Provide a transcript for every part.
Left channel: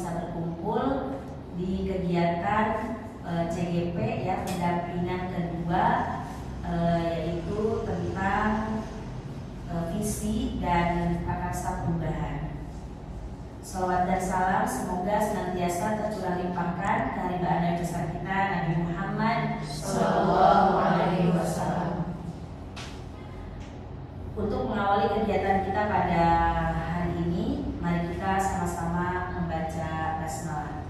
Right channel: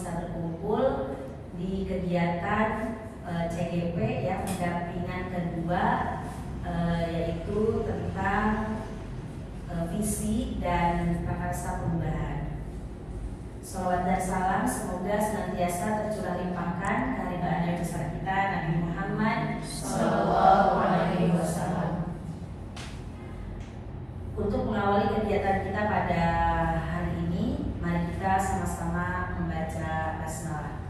bisa berkumpul di kegiatan CGP ya, pendampingan kedua, yaitu tentang visi dan prakarsa perubahan. Shalawat dan salam semoga senantiasa tercurah limpahkan ke haribaan Nabi besar kita Nabi Muhammad Sallallahu Alaihi Wasallam. Untuk mengawali kegiatan kita pada hari ini, mari kita sama-sama membaca basmalah.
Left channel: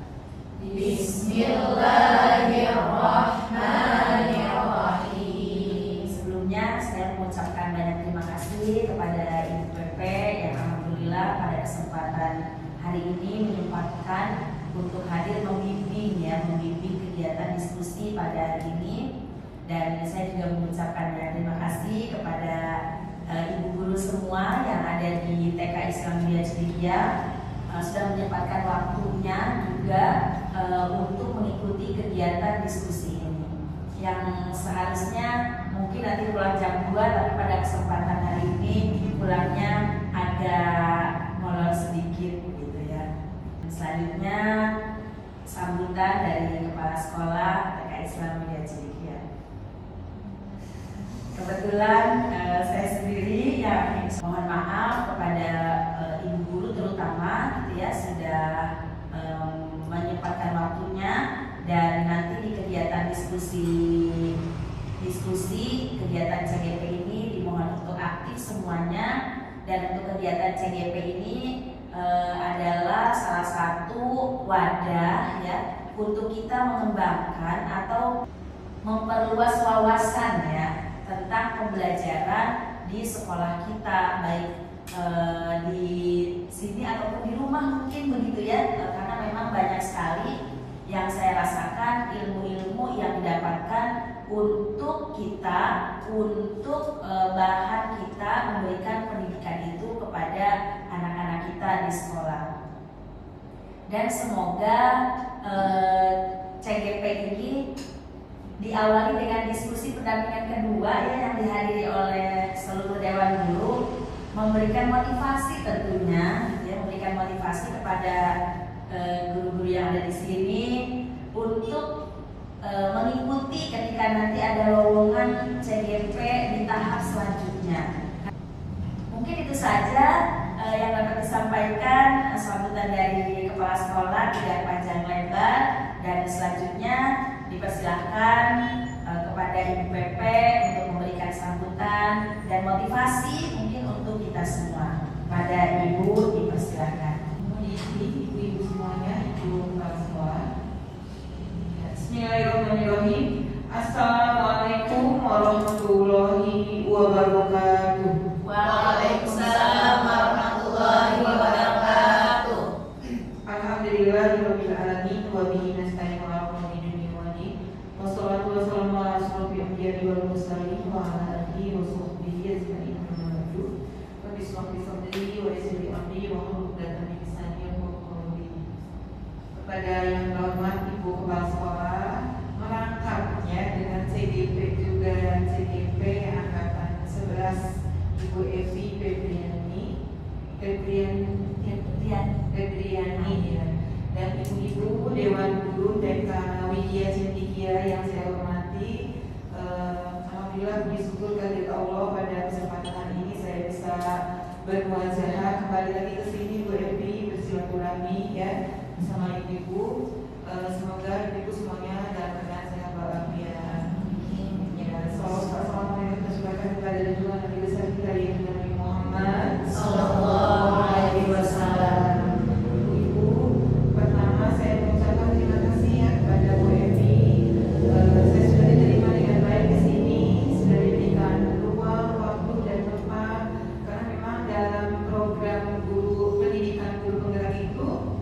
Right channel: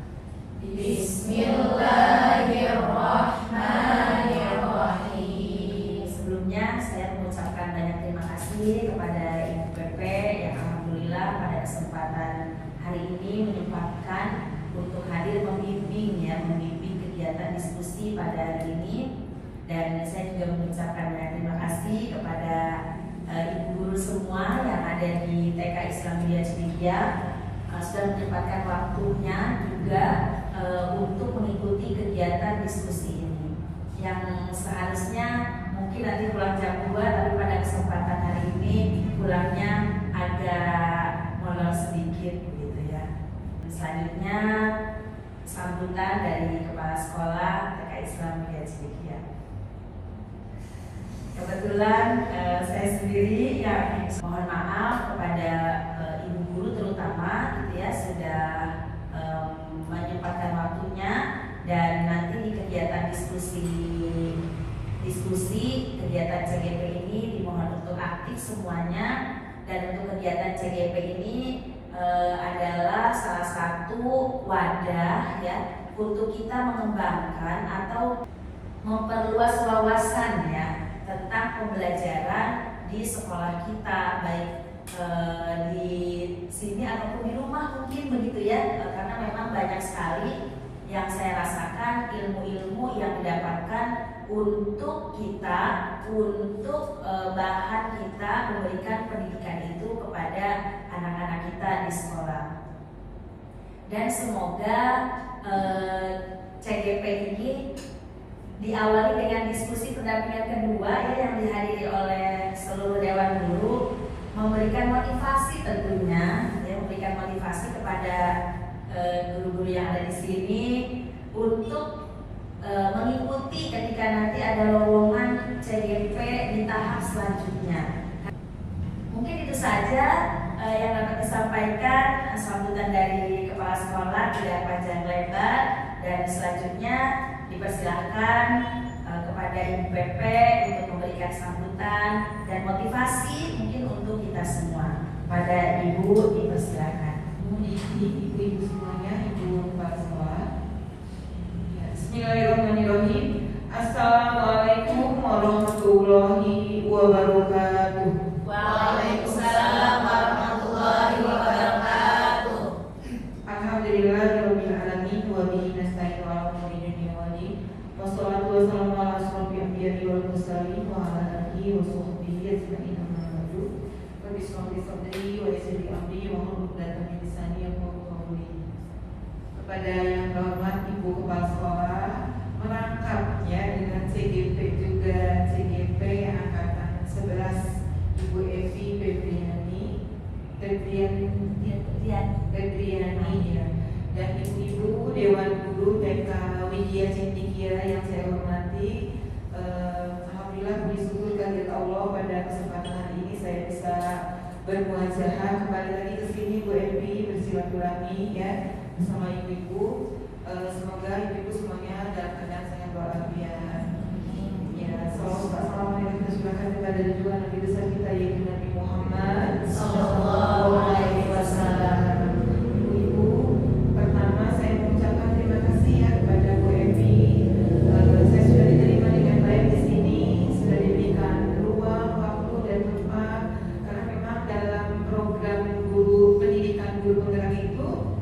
Bismillahirrahmanirrahim. Sebelumnya saya mengucapkan banyak terima kasih kepada Ibu PP yang alhamdulillah pada kesempatan hari ini menyempatkan untuk hadir membimbing kegiatan diskusi pada hari ini. Dan saya juga mengucapkan banyak terima kasih kepada ibu guru semua yang ada di TK Islam Mulia Cidilya, sudah menyempatkan waktunya juga untuk mengikuti kegiatan diskusi ini yang seharusnya mungkin nanti pulang jam 2, tapi pada kesempatan hari ini pulangnya agak molor sedikit gitu ya. Selanjutnya sambutan dari Kepala Sekolah TK Islam Mulia Cidilya. Kebetulan saya sendiri yang mohon maaf kepada ibu guru terutama gitu ya, sudah menyempatkan waktunya, dan nanti di kegiatan diskusi kegiatan CGP ini dimohon untuk aktif semuanya. Dan untuk kegiatan CGP ini adalah salah satu wadah ya untuk kita mengembangkan atau memperluas wawasan ya tentang pembelajaran di sekolah kita, baik di sini ataupun di rumah mungkin begitu ya, karena memang banyak sekali yang saya rasakan ilmu-ilmu yang didapatkan untuk kita, untuk bahan kita memberikan pendidikan itu kepada anak-anak kita di sekolah. Dan semoga CGP ini diawali dengan diskusi pendampingan kedua ya, yang dihadiri oleh seluruh dewan guru, memberikan motivasi tentunya ya, memberikan motivasi kepada guru-guru yang ada di sini untuk mengikuti ketika nanti ada lowongan CGP di tahap selanjutnya. Mungkin itu saja yang dapat disampaikan. Sambutan dari kepala sekolah tidak panjang lebar, dan selanjutnya dipersilakan kepada Ibu PP untuk memberikan sambutan dan motivasi mungkin untuk kita semua. Pada Ibu dipersilakan. Ibu semuanya, Ibu kepala sekolah. Bismillahirrahmanirrahim. Assalamualaikum warahmatullahi wabarakatuh. Waalaikumsalam warahmatullahi wabarakatuh. Alhamdulillahirabbil alamin wa bihi nasta'in ala umuri dunya wal din. Wassalatu wassalamu ala asyrofil anbiya'i wal mursalin wa ala alihi wa sahbihi ajma'in. Wa bismillahi sadri wa yassir amri wa hlul 'uqdatam min lisani yafqahu qawli. Kepada yang terhormat Ibu Kepala Sekolah, merangkapnya dengan CGP juga CGP angkatan 11 Ibu Evi Febriani ya, dan ibu-ibu Dewan Guru TK Widya Cidilya yang saya hormati. Alhamdulillah puji syukur kepada Allah pada kesempatan hari ini saya bisa bermuajah kembali lagi ke sini Bu Evi bersilaturahmi ya bersama ibu-ibu. Semoga ibu semuanya dalam keadaan sehat walafiat. Ya, assalamualaikum kepada Tuhan Nabi besar kita Nabi Muhammad Sallallahu Alaihi Wasallam. Ibu, pertama saya mengucapkan terima kasih ya kepada Bu Evi. Saya sudah diterima dengan baik di sini, sudah diberikan ruang, waktu dan tempat, karena memang dalam program guru pendidikan guru penggerak itu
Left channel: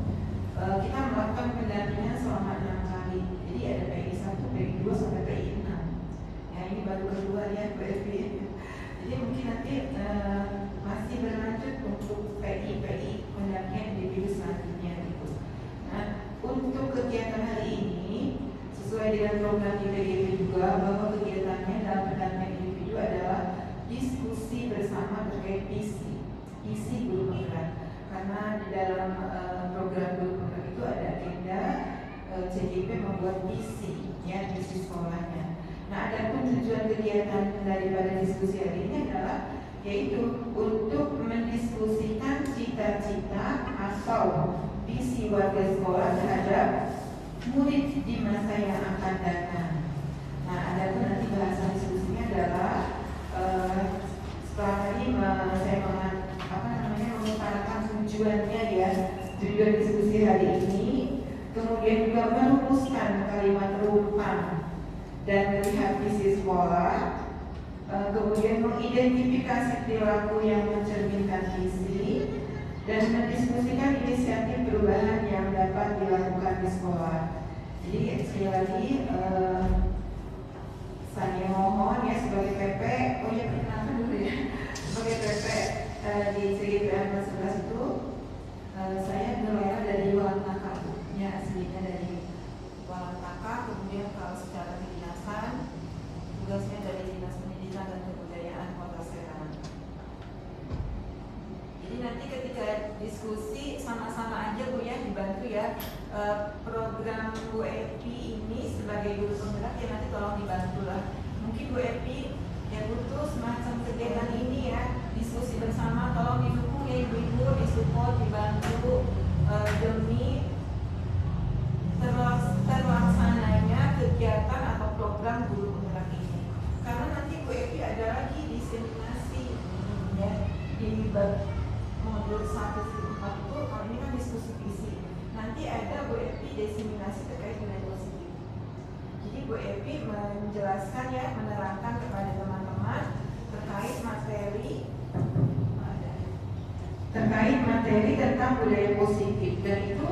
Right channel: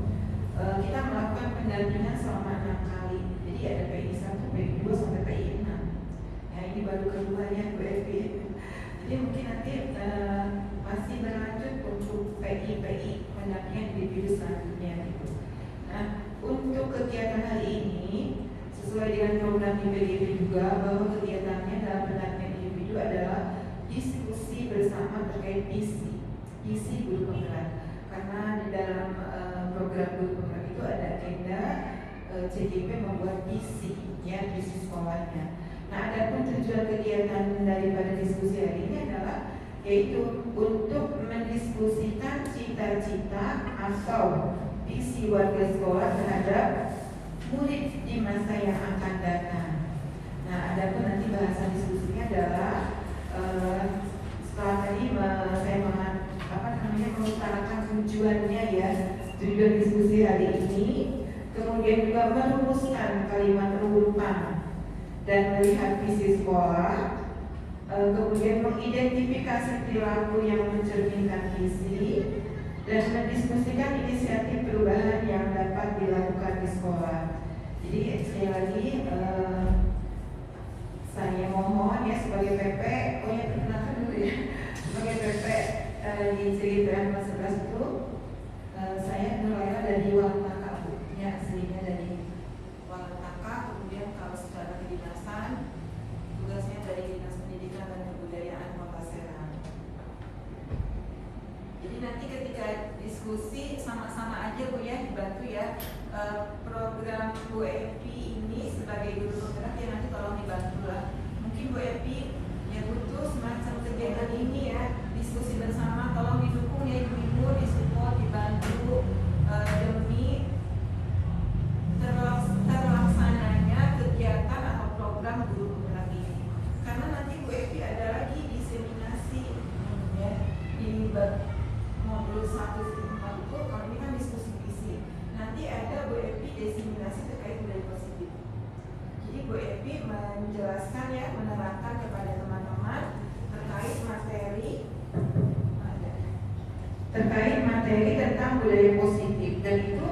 kita melakukan pendampingan selama 6 kali. Jadi ada PI 1, PI 2 sampai PI 6. Ya, ini baru keduanya Bu Evi. Jadi mungkin nanti masih berlanjut untuk PI pendampingan individu selanjutnya gitu. Nah, untuk kegiatan hari ini sesuai dengan program IPGP juga, bahwa kegiatannya dalam pendampingan individu adalah diskusi bersama terkait visi guru penggerak. Karena di dalam program guru penggerak itu itu ada agenda CGP membuat visi sekolahnya. Nah, ada pun tujuan kegiatan daripada diskusi hari ini adalah yaitu untuk mendiskusikan cita-cita atau visi warga sekolah terhadap murid di masa yang akan datang. Nah, ada pun nanti bahasan diskusinya adalah setelah tadi saya mengutarakan tujuannya ya tujuan diskusi hari ini, kemudian juga merumuskan kalimat rujukan dan melihat visi sekolah, kemudian mengidentifikasi perilaku yang mencerminkan visi dan mendiskusikan inisiatif perubahan yang dapat dilakukan di sekolah. Jadi sekali lagi saya mohon ya sebagai PP, perkenalkan dulu ya, sebagai PP di CGPN 11 itu saya nelayan dari Waltaka, ya aslinya dari Waltaka, kemudian kalau secara kedinasan tugasnya dari Dinas Pendidikan dan Kebudayaan Kota Serang. Jadi nanti ketika diskusi sama-sama aja Bu ya, dibantu ya program Bu Epi ini sebagai guru penggerak ya nanti tolong dibantu lah. Mungkin Bu Epi ya butuh semacam kegiatan ini ya, diskusi bersama, tolong didukung ya ibu-ibu, disupport, dibantu demi terlaksananya kegiatan atau program guru penggerak ini. Karena nanti Bu Epi ada lagi diseminasi ya di modul 1 itu, kalau ini kan diskusi visi. Nanti ada Bu Epi diseminasi terkait budaya positif. Jadi Bu Epi menjelaskan ya, menerangkan kepada teman-teman terkait materi tentang budaya positif, dan itu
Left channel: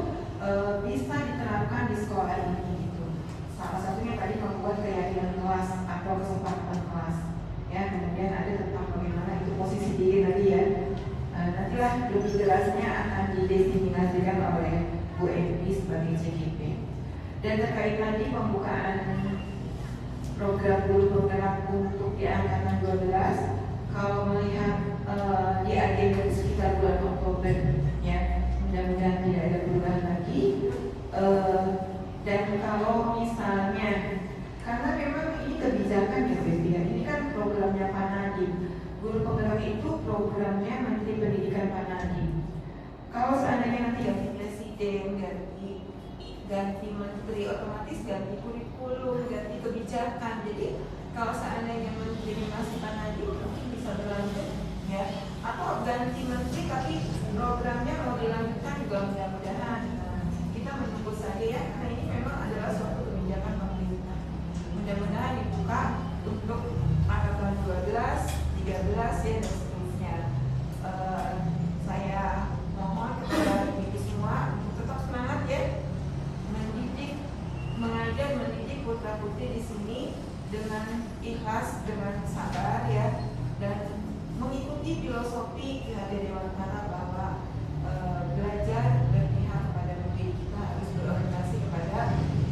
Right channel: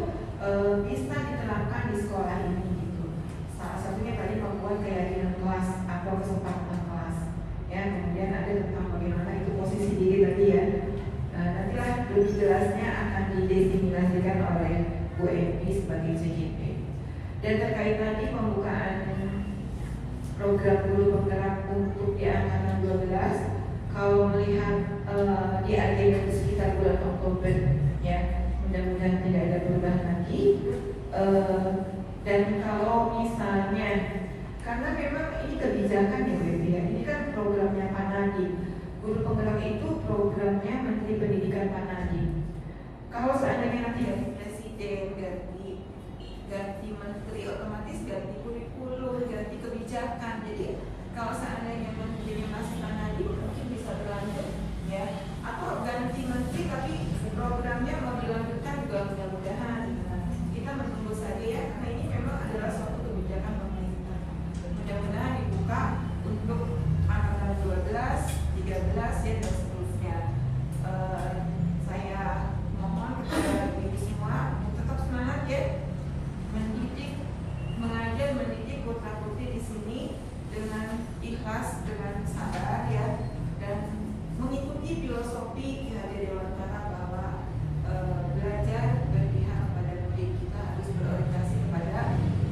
bisa diterapkan di sekolah ini gitu. Salah satunya tadi membuat keyakinan kelas atau kesepakatan kelas ya, kemudian ada tentang bagaimana itu posisi diri tadi ya. Nantilah lebih jelasnya akan didefinisikan oleh Bu Epi sebagai CGP. Dan terkait nanti pembukaan program guru penggerak untuk di angkatan 12, kalau melihat di agenda itu sekitar bulan Oktober ya, mudah-mudahan tidak ada perubahan lagi. Dan kalau misalnya, karena memang ini kebijakan ya Bu Epi, ini kan programnya Pak Nadiem. Guru penggerak itu programnya Menteri Pendidikan Pak Nadiem. Kalau seandainya nanti ganti presiden, ganti menteri, otomatis ganti kurikulum, ganti kebijakan. Jadi kalau seandainya menterinya masih Pak Nadiem, mungkin bisa berlanjut ya. Atau ganti menteri tapi programnya mau dilanjutkan juga mudah-mudahan. Kita menunggu saja ya, karena ini memang adalah suatu kebijakan pemerintah. Mudah-mudahan dibuka untuk angkatan 12, 13 ya, dan seterusnya. Saya mohon kepada ibu semua untuk tetap semangat ya, mengajar mendidik putra putri di sini dengan ikhlas, dengan sabar ya, dan mengikuti filosofi kehadiran Dewan Kata bahwa belajar berpihak kepada murid. Kita harus berorientasi kepada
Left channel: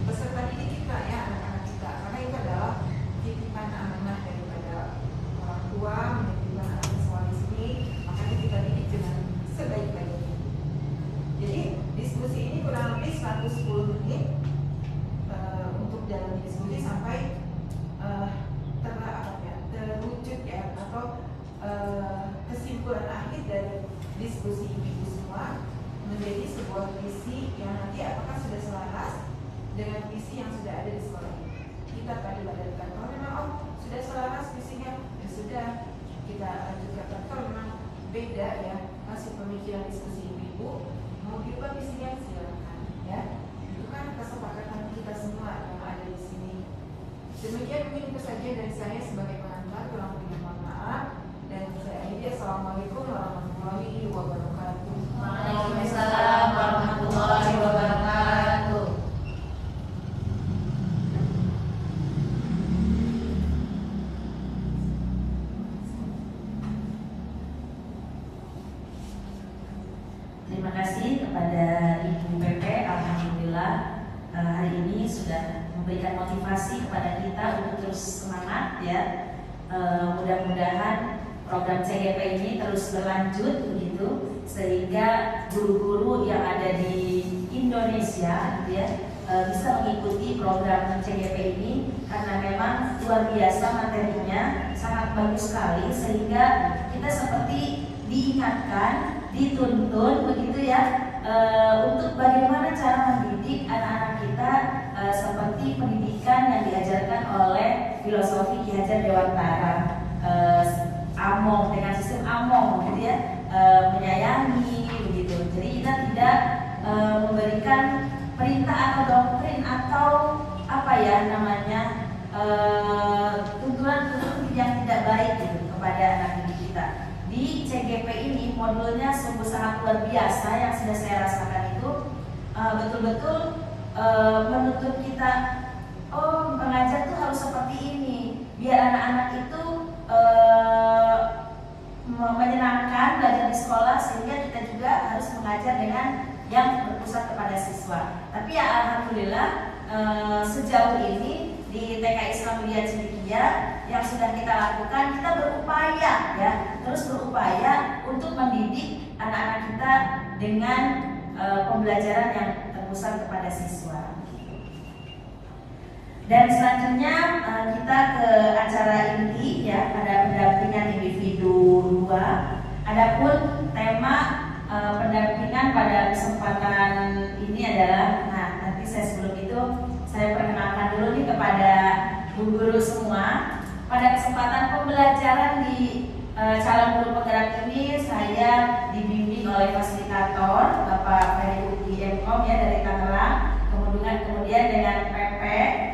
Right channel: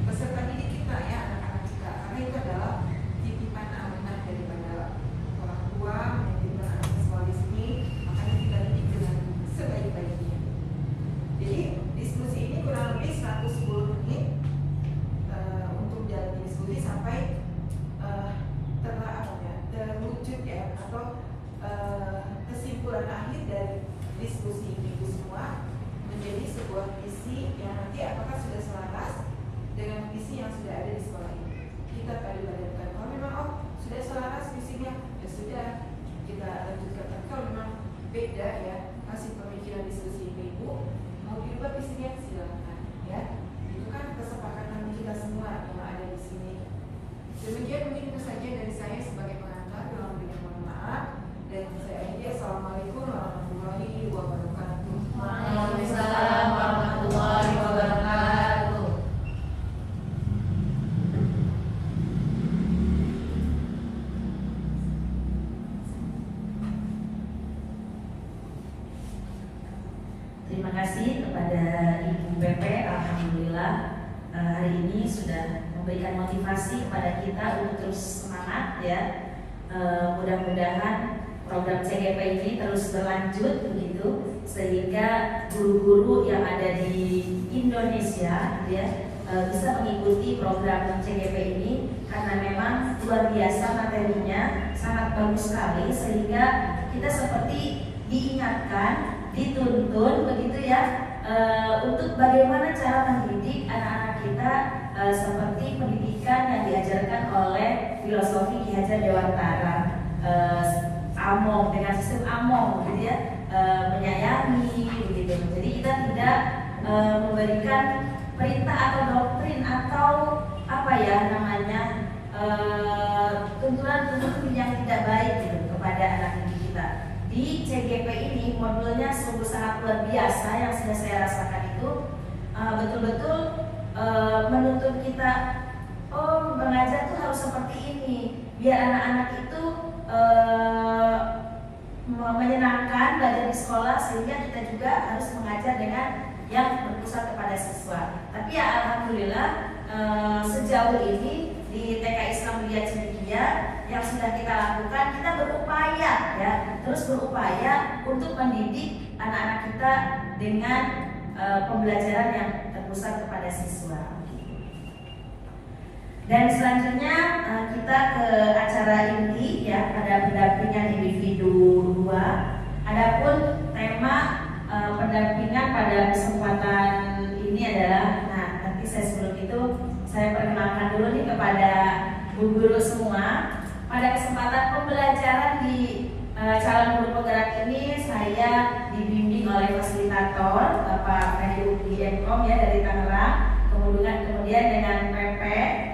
peserta didik kita ya, anak-anak kita, karena itu adalah titipan amanah daripada orang tua menitipkan anak sekolah di sini, makanya kita didik dengan sebaik-baiknya. Jadi diskusi ini kurang lebih 110 menit untuk jalan diskusi sampai terwujud ya, atau kesimpulan akhir dari diskusi ibu semua menjadi sebuah visi yang nanti apakah sudah selaras dengan visi yang sudah ada di sekolah ini. Kita padankan. Kalau memang sudah selaras visinya, ya sudah kita lanjutkan. Kalau memang beda ya hasil pemikiran diskusi ibu, mau diubah visinya silakan ya. Itu kan kesepakatan kita semua yang ada di sini. Demikian mungkin itu saja dari saya sebagai pengantar, kurang lebihnya mohon maaf. Dan saya akhiri, assalamualaikum warahmatullahi wabarakatuh. Waalaikumsalam warahmatullahi wabarakatuh. Terima kasih kepada Ibu BP. Alhamdulillah hari ini sudah memberikan motivasi kepada kita untuk terus semangat ya. Mudah-mudahan program CGP ini terus berlanjut begitu, sehingga guru-guru yang ada di Indonesia gitu ya, bisa mengikuti program CGP ini karena memang luar biasa materinya, sangat bagus sekali sehingga kita seperti diingatkan, dituntun begitu ya, untuk bagaimana cara mendidik anak-anak kita seperti pendidikan yang diajarkan oleh filosofi Ki Hajar Dewantara, AMOM, dengan sistem AMOM gitu ya, menyayangi begitu. Jadi kita tidak memberikan perintah atau doktrin atau apa ya namanya tuntunan-tuntunan yang tidak baik gitu kepada anak didik kita. Di CGP ini modulnya sungguh sangat luar biasa yang sudah saya rasakan itu betul-betul menuntut kita, oh mengajar itu harus seperti ini biar anak-anak itu menyenangkan belajar di sekolah, sehingga kita juga harus mengajar dengan yang berpusat kepada siswa. Tapi ya alhamdulillah sejauh ini di TK Islam Widya Cendekia yang sudah kita lakukan, kita berupaya ya, terus berupaya untuk mendidik anak-anak kita dengan pembelajaran yang terpusat kepada siswa. Dan selanjutnya kita ke acara inti ya, pada pendampingan individu 2. Adapun tema pendampingan pada kesempatan ini adalah, nah nanti saya sebelum itu saya perkenalkan dulu nih kepada Bu Guru semua. Pada kesempatan pembelajaran di calon guru penggerak ini saya dibimbing oleh fasilitator Bapak Ferry MKom ya dari Tangerang, kemudian dengan PP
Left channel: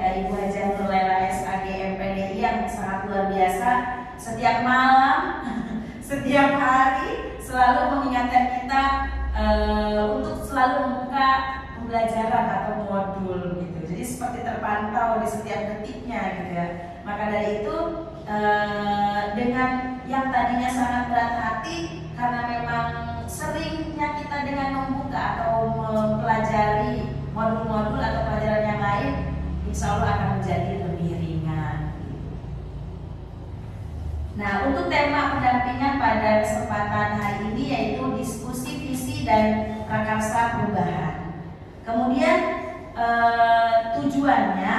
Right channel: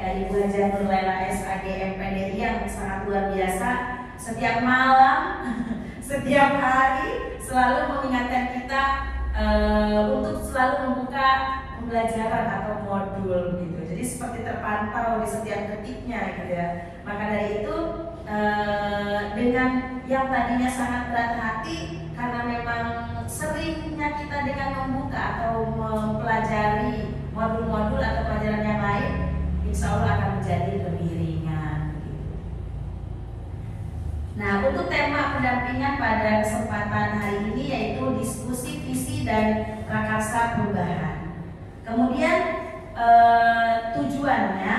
Ibu Hajar Nurlela SAG MPDI yang sangat luar biasa, setiap malam setiap hari selalu mengingatkan kita untuk selalu membuka pembelajaran atau modul gitu. Jadi seperti terpantau di setiap detiknya gitu ya. Maka dari itu dengan yang tadinya sangat berat hati karena memang seringnya kita dengan membuka atau mempelajari modul-modul atau pelajaran yang lain, insya Allah akan menjadi lebih ringan. Nah, untuk tema pendampingan pada kesempatan hari ini yaitu diskusi visi dan prakarsa perubahan. Kemudian tujuannya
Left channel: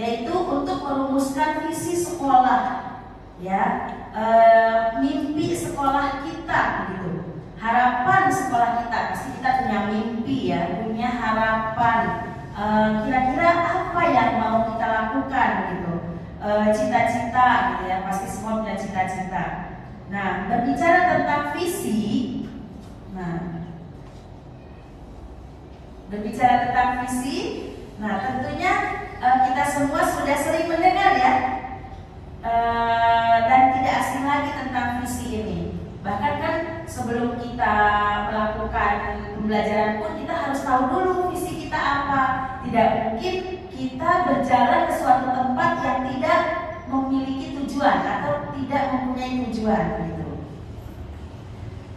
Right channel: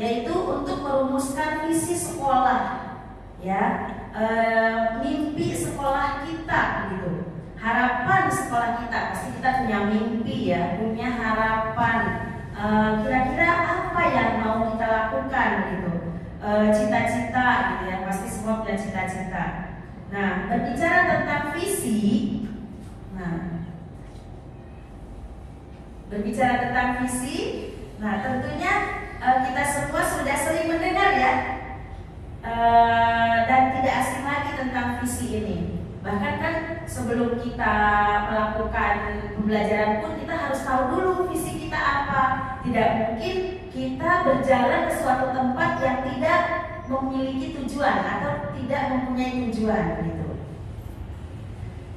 yaitu untuk merumuskan visi sekolah, ya, mimpi sekolah kita, gitu. Harapan sekolah kita, pasti kita punya mimpi ya, punya harapan. Kira-kira apa yang mau kita lakukan, gitu. Cita-cita, gitu ya, pasti semua punya cita-cita. Nah, berbicara tentang visi, nah tentunya kita semua sudah sering mendengar ya, dan tidak asing lagi tentang visi ini. Bahkan kan sebelum kita melakukan pembelajaran pun kita harus tahu dulu visi kita apa. Tidak mungkin kita berjalan ke suatu tempat yang tidak memiliki tujuan atau tidak mempunyai tujuan gitu.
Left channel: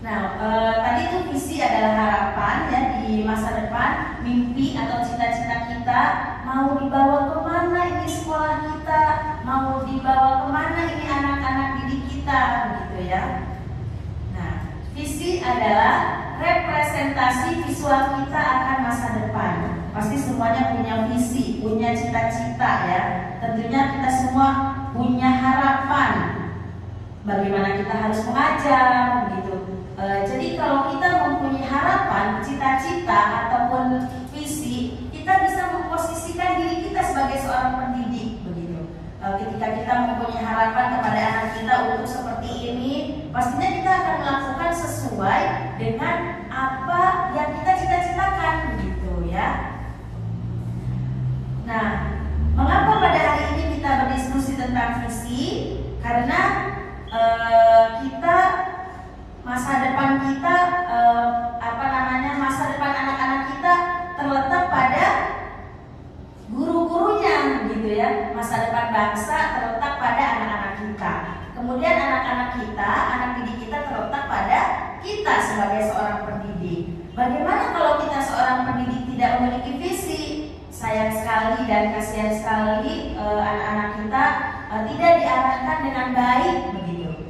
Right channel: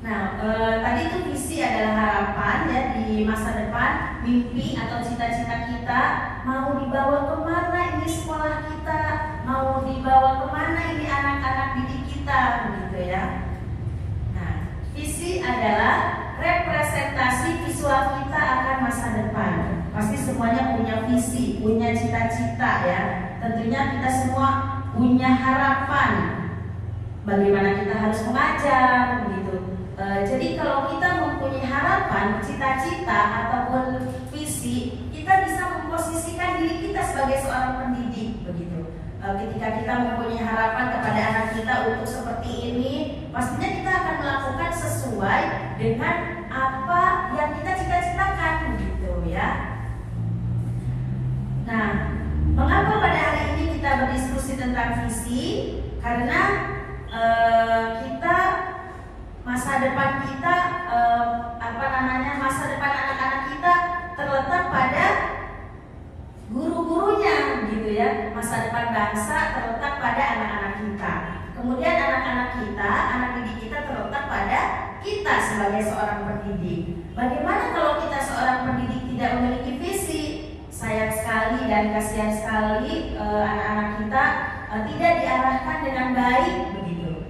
Nah, tadi itu visi adalah harapan ya di masa depan, mimpi atau cita-cita kita, mau dibawa kemana ini sekolah kita, mau dibawa kemana ini anak-anak didik kita, gitu ya. Nah, visi adalah representasi visual kita akan masa depan. Pasti semuanya punya visi, punya cita-cita ya. Tentunya kita semua punya harapan bagaimana kita harus mengajar, begitu. Jadi kalau kita mempunyai harapan, cita-cita ataupun visi, kita bisa memposisikan diri kita sebagai seorang pendidik, begitu. Ketika kita mempunyai harapan kepada anak kita untuk seperti ini, pastinya kita akan melakukan sesuai dengan apa yang kita cita-citakan, begitu ya. Nah, mengapa pada hari ini kita berdiskusi tentang visi? Karena kita masa depan kita, masa depan anak-anak kita terletak pada guru-gurunya, gitu ya. Masa depan bangsa terletak pada anak-anak kita. Kemudian anak-anak kita, anak didik kita terletak pada kita sebagai seorang pendidik. Bagaimana kalau kita seorang pendidik tidak memiliki visi? Sayang sekali dan kasihan sekali anak-anak kita tidak diarahkan dengan baik, begitu.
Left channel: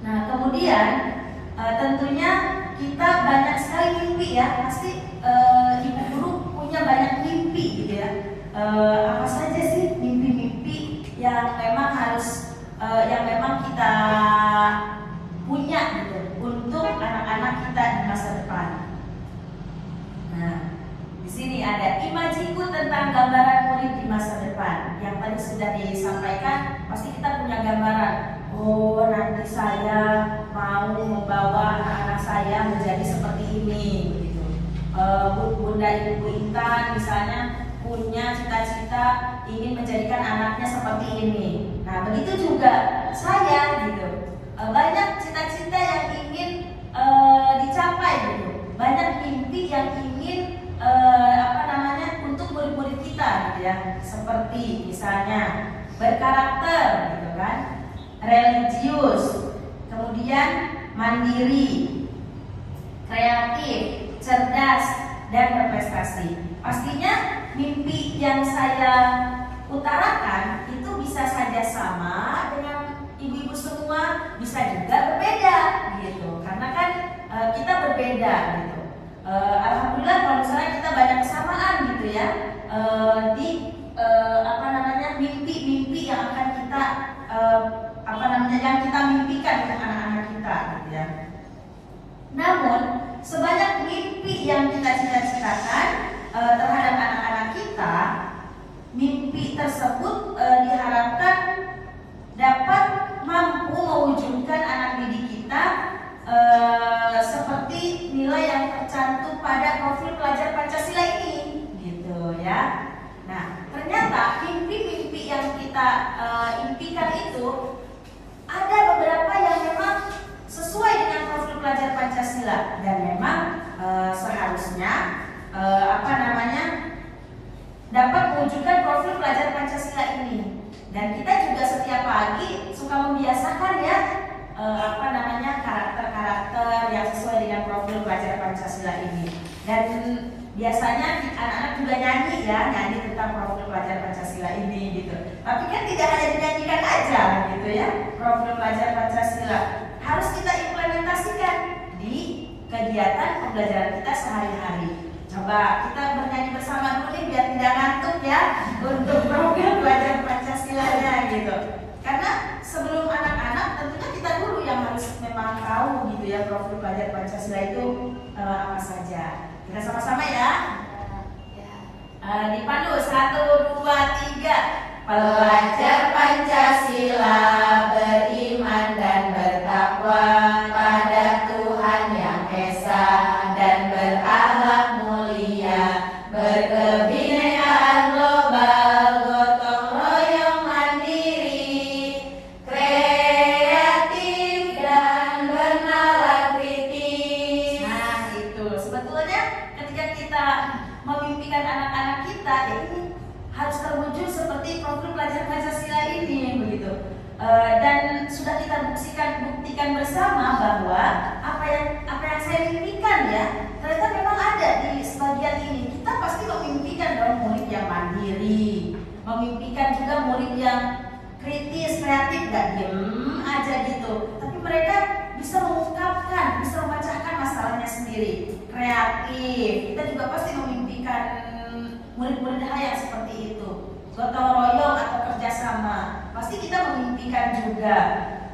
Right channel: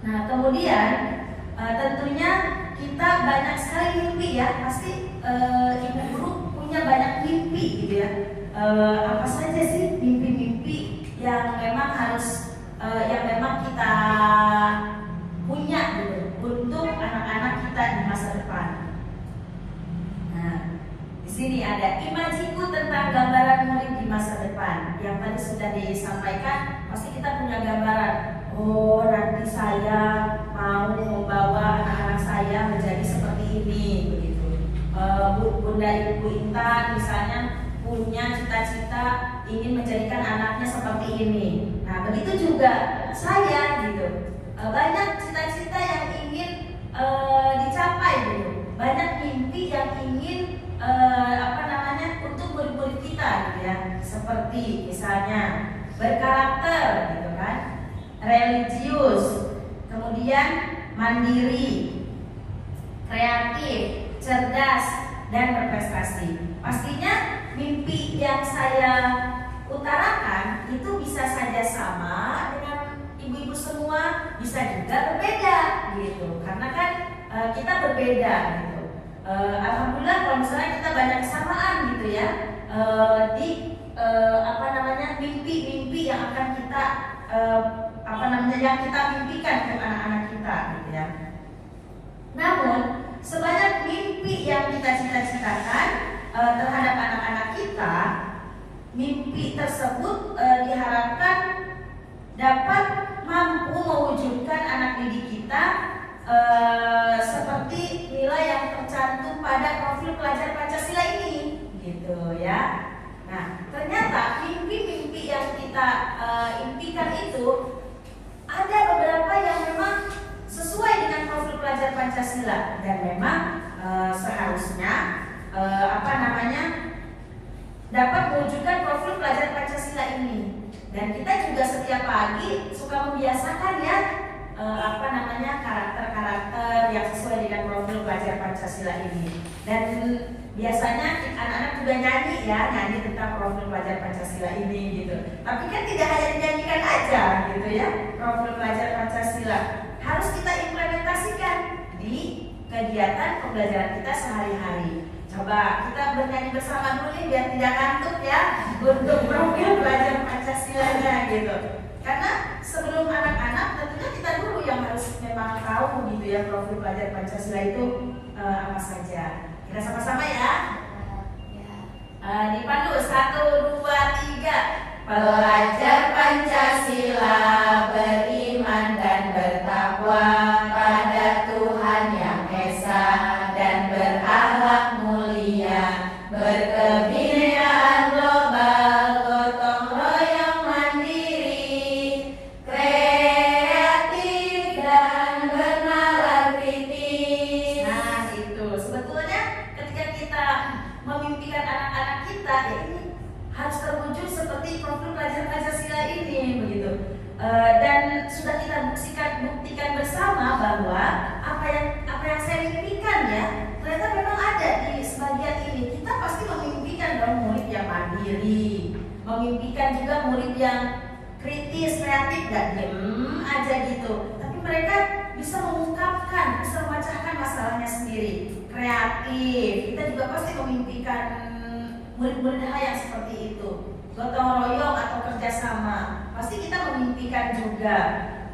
Nah, kemudian tentunya kita banyak sekali mimpi ya, pasti ibu guru punya banyak mimpi gitu ya. Apa saja sih mimpi-mimpi yang memang harus yang memang kita punya gitu untuk anak-anak kita di masa depan. Nah, di sini ada imajiku tentang gambaran murid di masa depan. Yang tadi sudah disampaikan, pasti kita punya gambaran. Oh, nanti saya mau membawa anak-anak saya menjadi seperti ini, begitu. Bunda Ibu Intan misalnya punya cita-cita ingin menjadikan anaknya seperti ini. Nah, begitu juga saya gitu. Banyak cita-cita yang ingin dicapai gitu. Banyak mimpi yang ingin untuk murid-murid kita gitu ya. Seperti misalnya berkarakter gitu kan, religius, kemudian mandiri, kreatif, cerdas, dan berprestasi. Pastinya mimpi yang saya utarakan itu bisa saja sama dengan ibu-ibu semua, bisa juga berbeda gitu. Karena kan kita berbeda gitu. Alhamdulillah kalau misalnya kita banyak kesamaan gitu ya di mimpi-mimpi yang akan kita yang kita mimpikan ke anak-anak kita gitu ya. Namun sebanyak mimpi yang kita cita-citakan terhadap anak-anak kita, mimpi tersebut diharapkan dapat mampu mewujudkan anak didik kita seperti nilai yang tercantum pada profil pelajar Pancasila ini, gitu ya. Nah, ternyata mimpi-mimpi yang kita impikan itu ada beberapa yang memang sesuai dengan profil pelajar Pancasila dan memang seharusnya dapat mewujudkan profil pelajar Pancasila ini. Dan kita juga setiap pagi suka membiasakan ya karakter-karakter yang sesuai dengan profil pelajar Pancasila ini. Dan biasanya anak-anak juga nyanyi tentang profil pelajar Pancasila ini gitu. Tapi kan tidak hanya dinyanyikan aja gitu ya, profil pelajar Pancasila harus kita implementasikan di kegiatan pembelajaran kita sehari-hari. Coba kita bernyanyi bersama dulu nih biar tidak ngantuk ya untuk profil pelajar Pancasila-nya gitu. Karena sebelum anak-anak tentunya kita dulu yang harus memang tahu gitu ya profil pelajar Pancasila itu apa saja. Kita sama-sama ya. Dipandu 1, 2, 3. Pelajar Pancasila beriman dan bertakwa pada Tuhan Yang Esa dan berakhlak mulia, berkebinekaan global, gotong royong mandiri, kreatif dan bernalar kritis. Nah itu sebetulnya ketika kita memimpikan anak-anak kita ini harus terwujud seperti profil pelajar Pancasila ini begitu. Dan sudah kita buktikan bersama bahwa apa yang saya mimpikan ya ternyata memang ada di sebagian ini. Kita pasti memimpikan dong murid yang mandiri, memimpikan juga murid yang kritis, kreatif, gak diem aja gitu. Tapi mereka bisa mengungkapkan, bisa memecahkan masalahnya sendiri. Kreatif, kita juga pasti memimpikan murid-murid yang seperti itu. Gotong royong atau kerjasama, pasti kita memimpikan juga.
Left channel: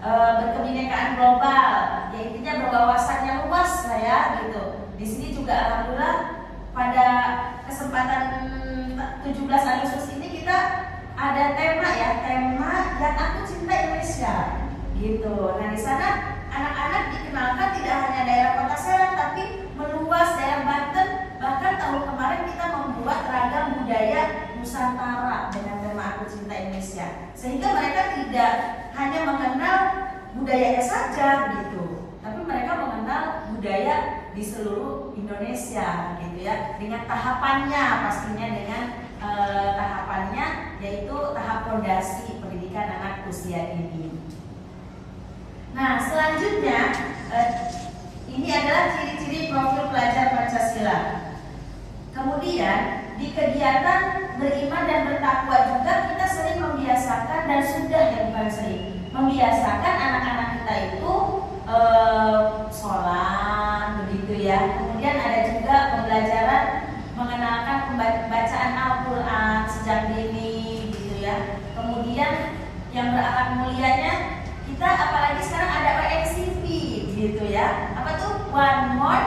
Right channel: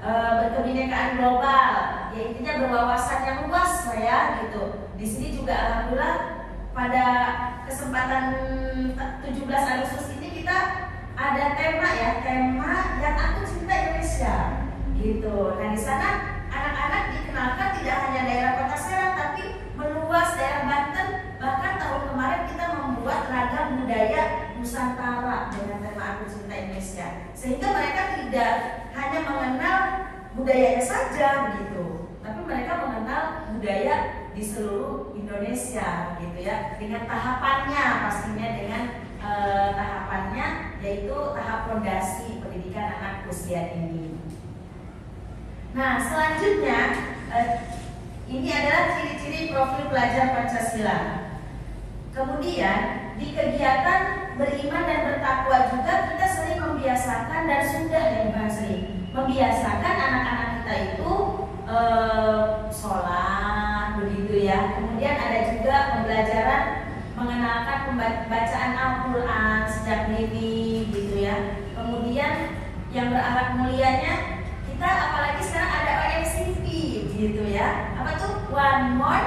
Berkebinekaan global, ya intinya berwawasan yang luas saya gitu. Di sini juga alhamdulillah pada kesempatan 17 Agustus ini kita ada tema yang aku cinta Indonesia gitu. Nah di sana anak-anak dikenalkan tidak hanya daerah Kota Serang tapi meluas daerah Banten. Bahkan tahun kemarin kita membuat ragam budaya Nusantara dengan tema Aku Cinta Indonesia, sehingga mereka tidak hanya mengenal budayanya saja gitu, tapi mereka mengenal budaya di seluruh Indonesia gitu ya, dengan tahapannya pastinya dengan tahapannya yaitu tahap fondasi pendidikan anak usia dini. Nah selanjutnya ini adalah ciri-ciri profil pelajar Pancasila. Kemudian di kegiatan beriman dan bertakwa juga kita sering membiasakan dan sudah bukan sering membiasakan anak-anak kita itu sholat begitu ya. Kemudian ada juga pembelajaran mengenalkan bacaan Al-Quran sejak dini gitu ya. Kemudian yang berakhlak mulianya kita apalagi sekarang ada OMCP gitu ya. Apa tuh? One more.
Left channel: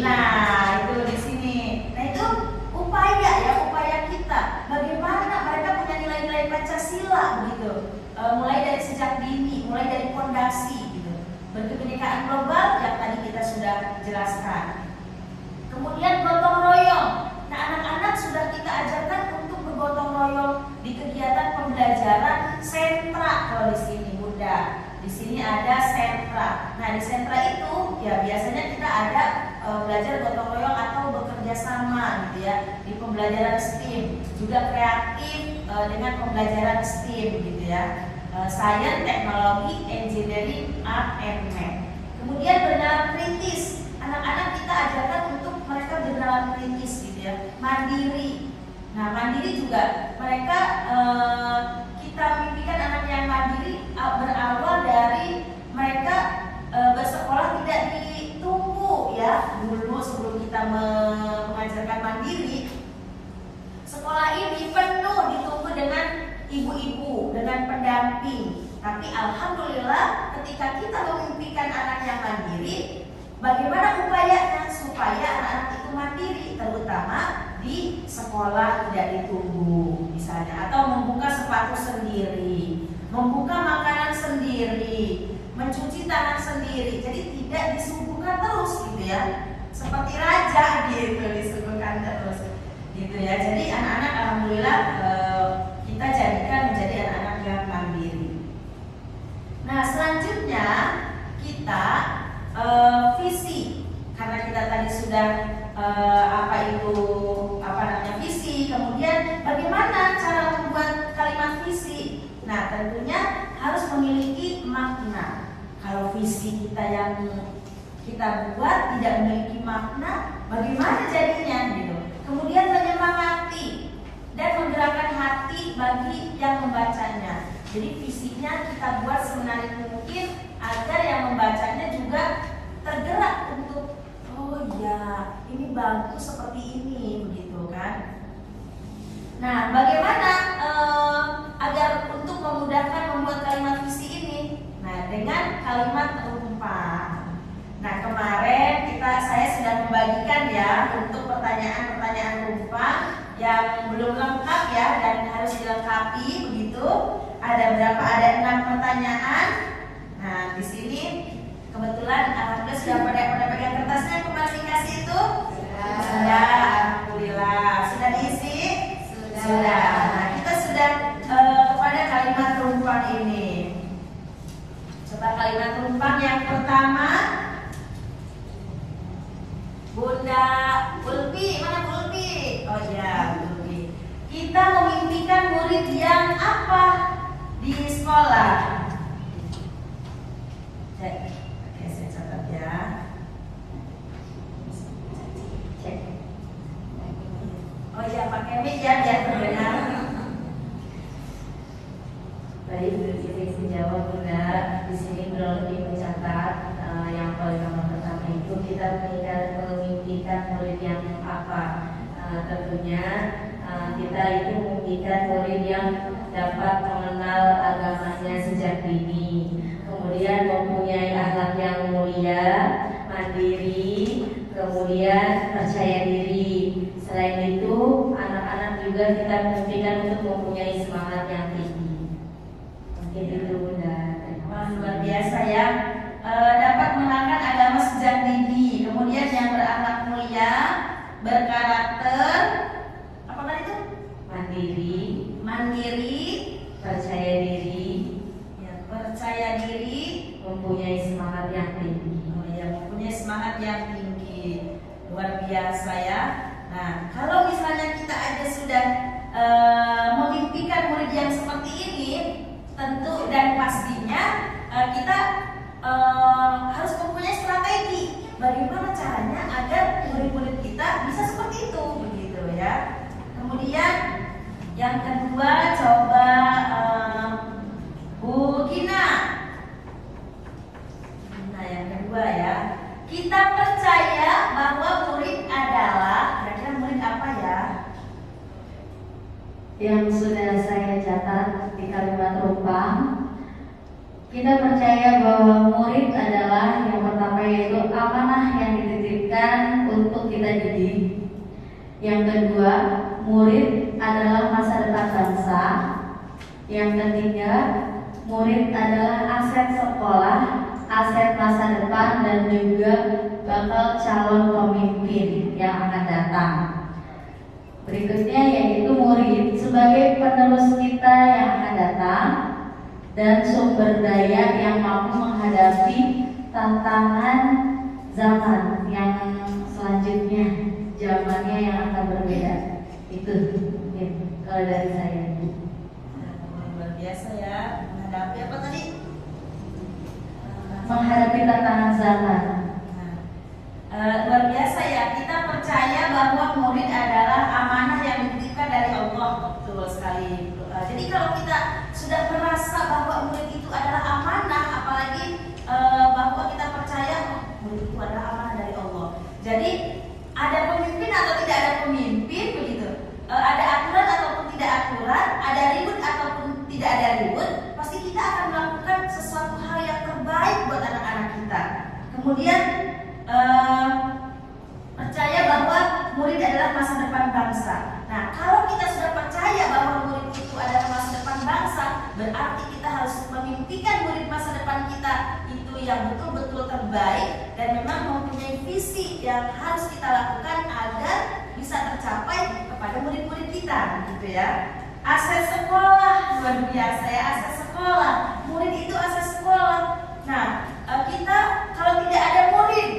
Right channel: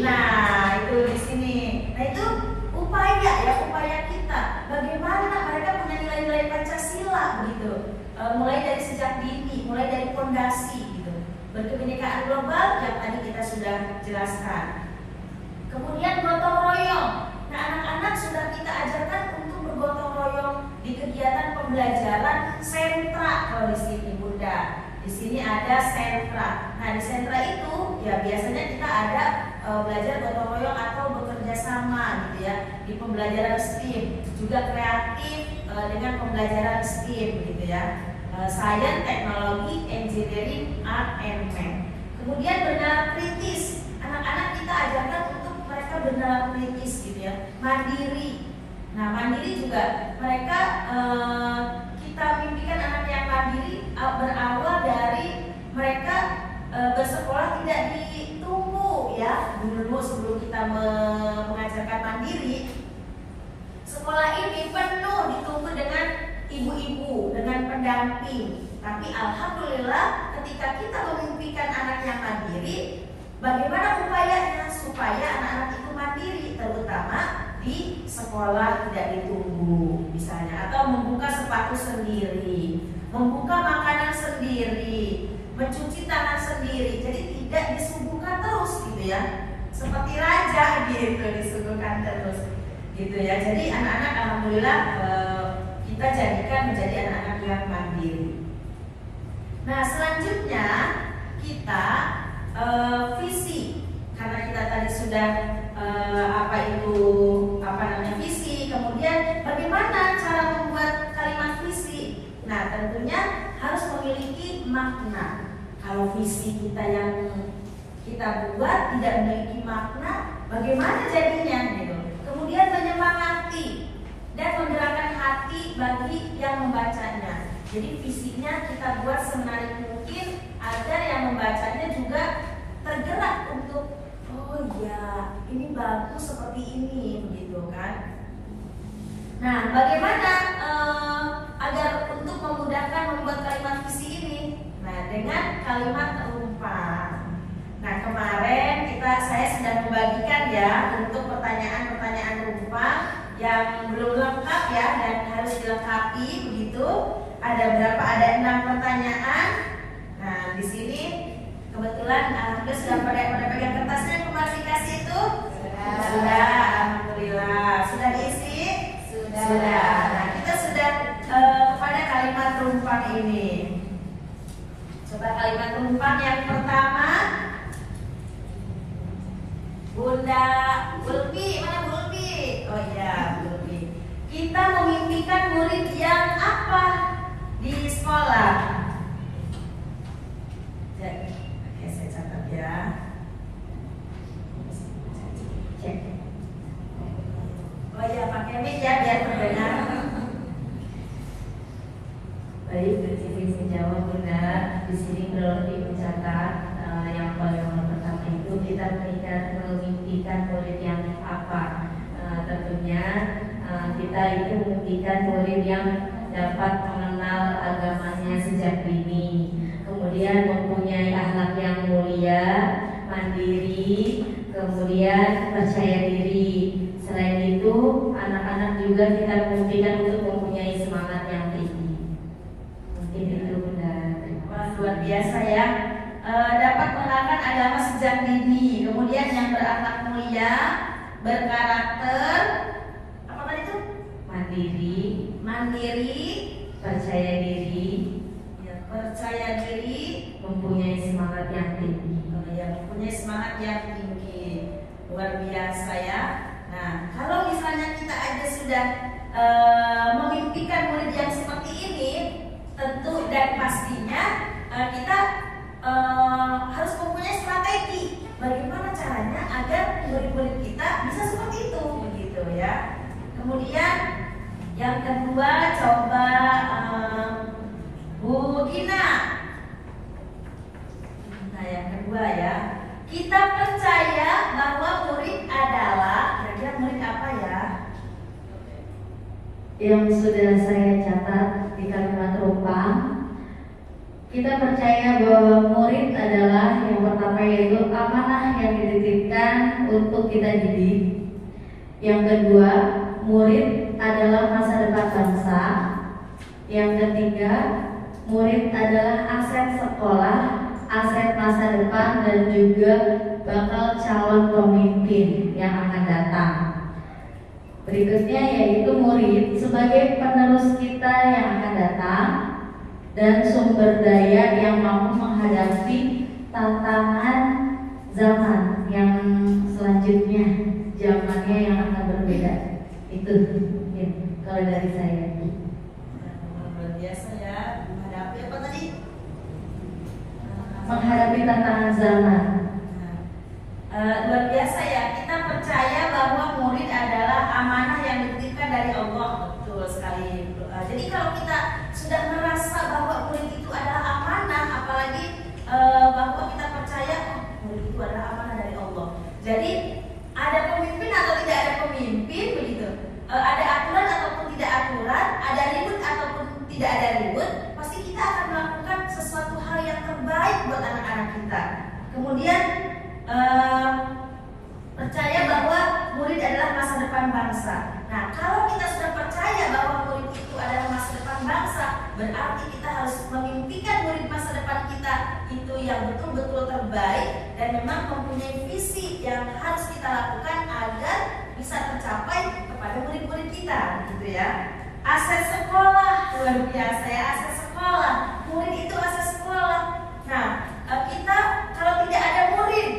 Nah itu di sini. Nah itu upaya kita. Bagaimana mereka punya nilai-nilai Pancasila begitu. Mulai dari sejak dini, mulai dari fondasi gitu. Berkebinekaan global yang tadi kita sudah jelaskan. Kemudian gotong royong. Nah anak-anak sudah kita ajarkan untuk bergotong royong di kegiatan pembelajaran sentra. Kalau di sini Bunda, di sini ada sentra. Nah di sentra itu ya biasanya kita ada belajar gotong royong atau bekerja sama gitu ya di pembelajaran STEAM, juga kreatif dengan pembelajaran STEAM gitu ya, Science, Teknologi, Engineering, Art, and Math. Kemudian bernalar kritis, anak-anak kita ajarkan untuk mereka bernalar kritis gitu ya, mandiri. Nah mandiri juga mereka kita mimpikan anak yang mandiri berawal dari mereka bersekolah tidak ditunggu ya. Dulu sebelum kita mengajarkan mandiri, sekolah ini penuh ditunggu dengan ibu-ibu, dengan pendamping. Tapi alhamdulillah ketika kita memimpikan anak yang mandiri, bagaimana upayanya supaya anak-anak itu mandiri, terutama di sekolah tidak ditunggu misalnya, atau membuka sepatu sendiri, membuka makanan sendiri, mencuci tangan sendiri, jadi tidak disuguhkan terus gitu ya, seperti raja gitu disuguhkan terus gitu ya. Jadi anak-anak alhamdulillah kita jadikan menjadi anak-anak yang mandiri. Nah selanjutnya kita visi, karena kita tadi sudah visi, kemudian bagaimana cara membuat kalimat visi. Nah tentunya harus memiliki makna. Kalau visi kita yang kita buat tidak memiliki makna, bagaimana jadinya gitu. Kemudian menyemangati dan menggerakkan hati bagi yang membacanya. Jadi visinya kita buat semenarik mungkin agar yang membacanya juga tergerak untuk oh ya ini bagus seperti ini begitu kan. Nah bagaimana agar untuk memudahkan membuat kalimat visi ini? Nah dengan kalimat rumpang. Nah kemarin saya sudah membagikan ya untuk pertanyaan-pertanyaan rumpang yang belum lengkap ya dan harus dilengkapi begitu. Ada berapa? Ada 6 pertanyaan. Nah di sini kebetulan alhamdulillah sudah pada pegang kertasnya yang kemarin dikasih itu. Sudah, alhamdulillah. Sudah diisi? Sudah. Nah kita sudah kepada kalimat rumpang ini. Coba kalimat rumpang yang pertama, Bunda Ulfi, mana Bu Ulfi? Oh ya, Bu Ulfi. Kita memimpikan murid yang apa di sekolah? Oke, saya catat ya. Cek. Oh ya, pakai mic ya biar terdengar. Baik, izin menjawab Bunda. Di sini kronologi mencatat yang paling nomor pertama itu kita memimpikan murid yang apa? Tentunya kita itu memimpikan murid yang dapat mengenal agamanya sejak dini, kemudian mempunyai akhlak yang mulia, mandiri, kemudian percaya diri. Selain itu, anak-anak juga kita memimpikan untuk mempunyai semangat yang tinggi. Mungkin itu Bunda. Luar biasa ya. Dapat mengenalkan agama sejak dini, kemudian yang berakhlak mulia, berkarakter, apa tadi itu? Mandiri, percaya diri, mempunyai semangat yang tinggi. Mempunyai semangat yang tinggi, luar biasa ya. Nah, kalau misalnya kita aja sudah memimpikan murid yang seperti ini, tentu dan pastinya kita harus mempunyai strategi bagaimana caranya agar murid-murid kita bisa seperti itu, begitu ya. Kemudian yang kedua, coba Bu Gina. Nah yang kedua ya, Kita percaya bahwa murid adalah, kira-kira murid apa ya? Yang sudah saya catat di kalimat rumpang, kita percaya bahwa murid adalah yang pertama yaitu amanah yang dititipkan untuk kita didik. Yang kedua, murid adalah masa depan bangsa. Yang ketiga, murid adalah aset sekolah, aset masa depan, dan juga bakal calon pemimpin yang akan datang. Berikutnya yaitu murid sebagai penerus kita yang akan datang dan sumber daya yang mampu menghadapi tantangan zaman yang selanjutnya, zamannya yang akan berbeda. Itu mungkin kalau dari saya. Luar biasa ya, menghadapi apa tadi? Menghadapi tantangan zaman. Luar biasa ya, kita percaya bahwa murid adalah amanah yang dititipkan dari Allah. Betul sekali. Jadi kalau kita sudah merasa bahwa murid itu adalah amanah, apalagi bahwa kita percaya murid itu adalah amanah dari Allah. Jadi ada pemimpin atau tidak ada pemimpin begitu, ada aturan ataupun tidak aturan, ada ribut ataupun tidak ada ribut, pasti kita akan melakukan sesuatu hal yang terbaik buat anak-anak kita. Kemudian percaya bahwa murid adalah masa depan bangsa. Nah, kalau kita sudah percaya bahwa murid itu adalah masa depan bangsa, berarti kita harus memimpikan murid masa depan kita itu yang betul-betul terbaik dan memang mempunyai visi yang harus kita lakukan agar bisa tercapai kepada murid-murid kita, gitu ya. Aset sekolah, luar biasa ya, aset sekolah. Murid itu aset sekolah. Nah, kita kalau tidak ada murid,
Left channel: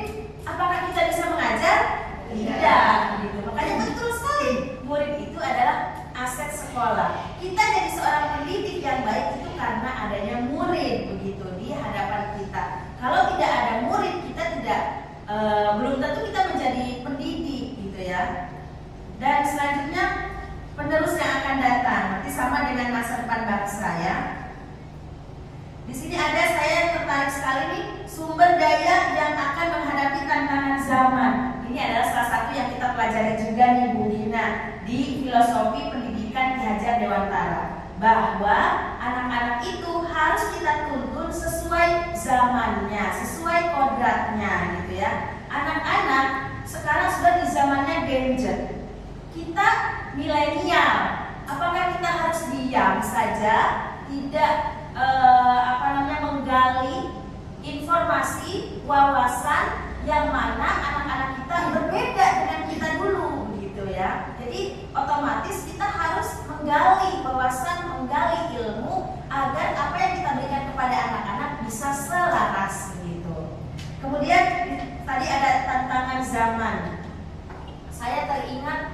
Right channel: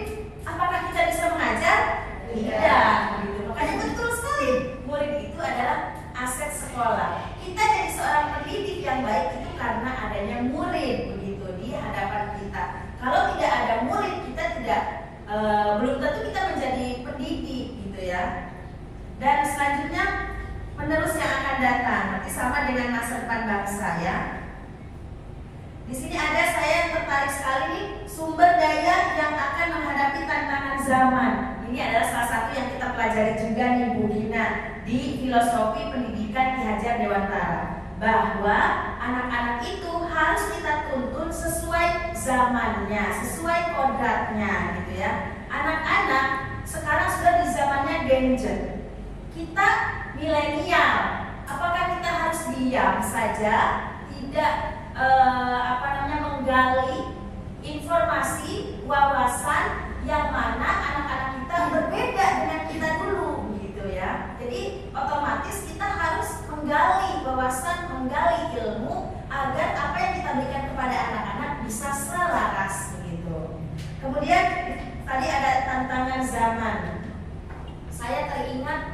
apakah kita bisa mengajar? Tidak, gitu. Makanya betul sekali, murid itu adalah aset sekolah. Kita jadi seorang pendidik yang baik itu karena adanya murid, begitu, di hadapan kita. Kalau tidak ada murid, kita tidak belum tentu kita menjadi pendidik, gitu ya. Dan selanjutnya penerus yang akan datang, berarti sama dengan masa depan bangsa ya. Di sini ada saya yang tertarik sekali nih, sumber daya yang akan menghadapi tantangan zaman. Ini adalah salah satu yang kita pelajari juga nih Bu Gina di filosofi pendidikan Ki Hajar Dewantara, bahwa anak-anak itu harus kita tuntun sesuai zamannya, sesuai kodratnya, gitu ya. Anak-anak sekarang sudah di zamannya gadget. Kita milenial, apakah kita harus diam saja, tidak menggali informasi, wawasan yang mana anak-anak kita berbeda dengan kita dulu, gitu ya. Jadi otomatis kita harus menggali wawasan, menggali ilmu agar apa yang kita berikan kepada anak-anak bisa selaras, gitu. Kemudian tadi ada tantangan zaman. Saya teringat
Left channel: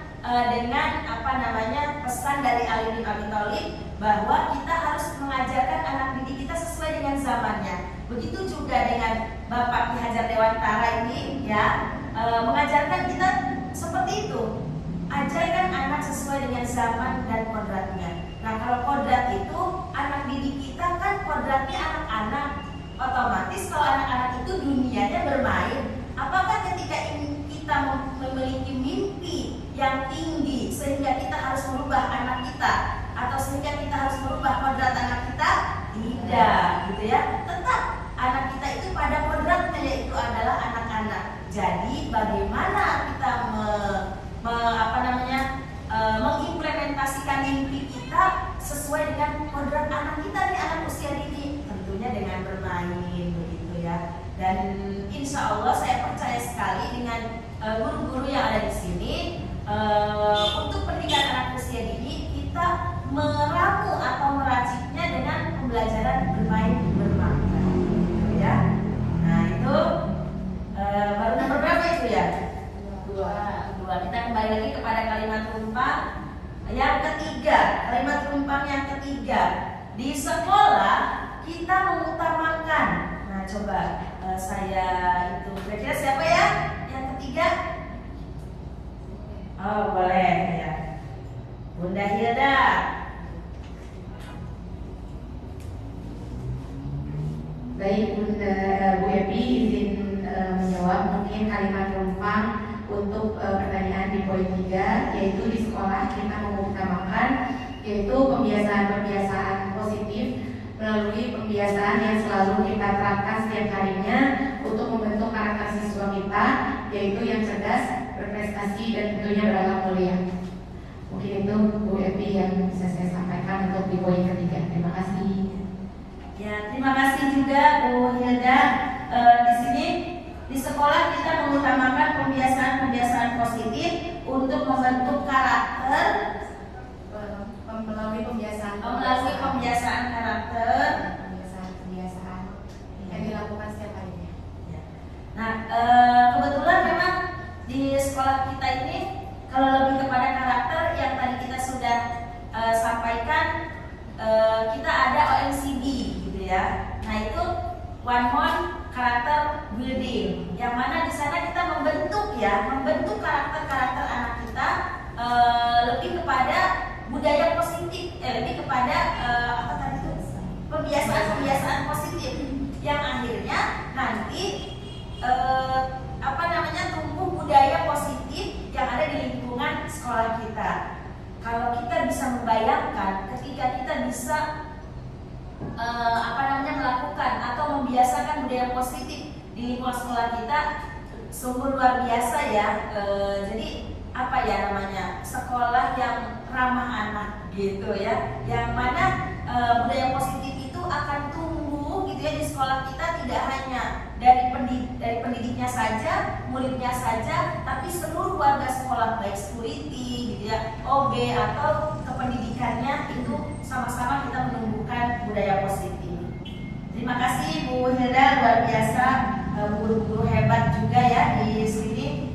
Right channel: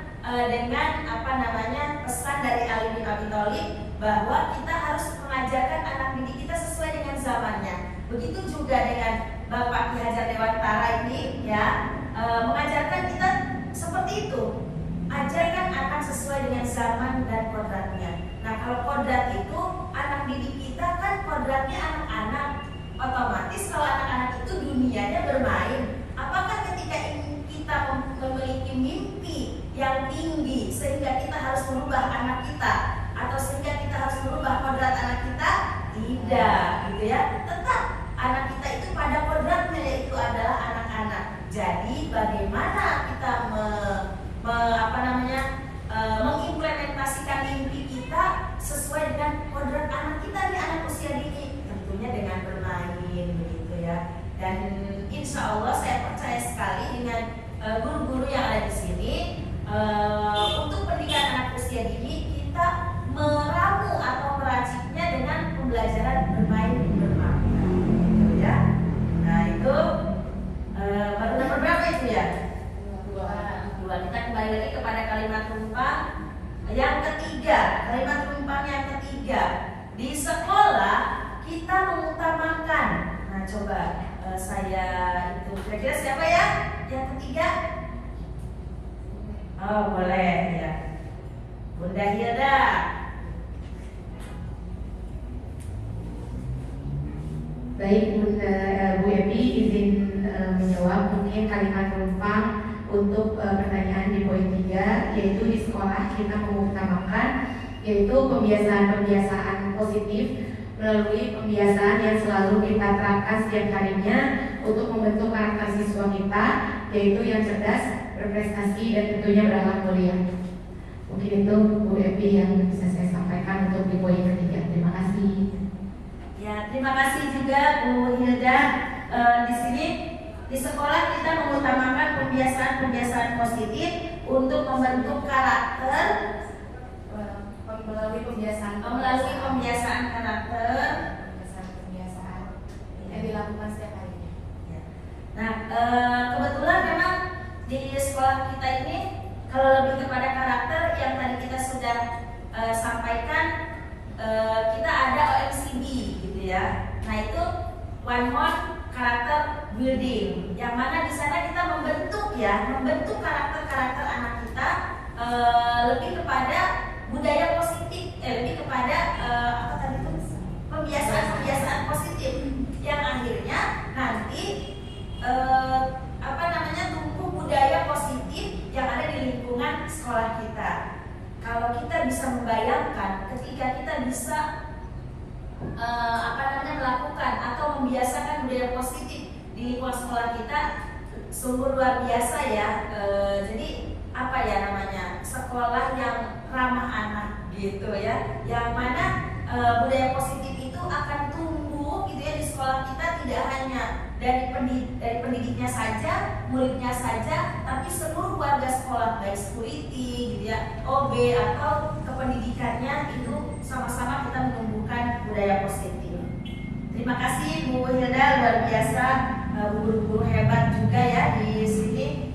dengan pesan dari Ali bin Abi Thalib bahwa kita harus mengajarkan anak didik kita sesuai dengan zamannya. Begitu juga dengan Bapak Ki Hajar Dewantara ini ya, mengajarkan kita seperti itu. Ajarkan anak sesuai dengan zaman dan kodratnya. Nah, kalau kodrat itu anak didik kita kan kodratnya anak-anak. Otomatis kalau anak-anak itu dunianya bermain. Apakah ketika kita memiliki mimpi yang tinggi sehingga kita harus merubah anak kita, atau sehingga kita harus merubah kodrat anak kita? Tidak, gitu ya. Tetap anak kita itu pada kodratnya, yaitu adalah anak-anak. Jadi bagaimana kita mengimplementasikan mimpi kita sesuai dengan kodrat anak kita nih, anak usia dini? Tentunya dengan bermain, begitu ya. Dan insya Allah saya percaya sekali dengan guru-guru yang ada di sini, untuk pendidikan anak usia dini kita meramu atau meraciknya dengan pembelajaran bermain bermakna, gitu ya. Nah itu baru nomor berapa itu ya? Dua. Kita kembali lagi kepada kalimat rumpang yang ketiga. Kalimat rumpang yang ketiga, di sekolah kita mengutamakan. Nah coba saya itu kira-kira siapa ya yang ketiga? Oh boleh ya, Bunda Hilda. Baik, Bu Epi izin menjawab. mungkin kalimat penumpang untuk pertanyaan di poin 3, yaitu di sekolah kita mengutamakan yaitu pembiasaan positif melalui pembiasaan yang selalu kita terapkan setiap harinya untuk membentuk karakter siswa kita, yaitu yang cerdas, berprestasi, dan tentunya berakhlak mulia. Mungkin itu Bu Evi yang bisa saya sampaikan untuk di poin ketiga. Terima kasih. Ya, terima kasih juga Bu Hilda. Di sini di sekolah kita mengutamakan pembiasaan positif untuk membentuk karakter Melalui pembiasaan karakter yang dilakukan setiap harinya. Nah, kebetulan memang di sekolah kita ini kalau lebih kepada karakter yang tadi kita sudah sampaikan, kita ada OMCD gitu ya. Nah, itu one month karakter building, yang mana di sana kita membentuk karakter anak kita lebih kepada budaya positif, lebih kepada pembiasaan positif yang akhirnya nanti tumbuh budaya positif yang ada di lingkungan sekolah kita. Kalau kita bisa membayangkan ketika kita bisa melakukan atau membiasakan budaya positif di lingkungan sekolah kita, sungguh luar biasa ya. Jadi sekolah yang ramah anak gitu ya, yang mana budaya positif itu akan tumbuh gitu ya di sekolah kita, tidak hanya dari pendidiknya saja, muridnya saja, tapi seluruh warga sekolah, baik security gitu ya, OB atau kependidikannya, itu sama-sama kita menumbuhkan budaya positif. Terima kasih Bu Hilda, luar biasa, guru-guru hebat juga ya di sini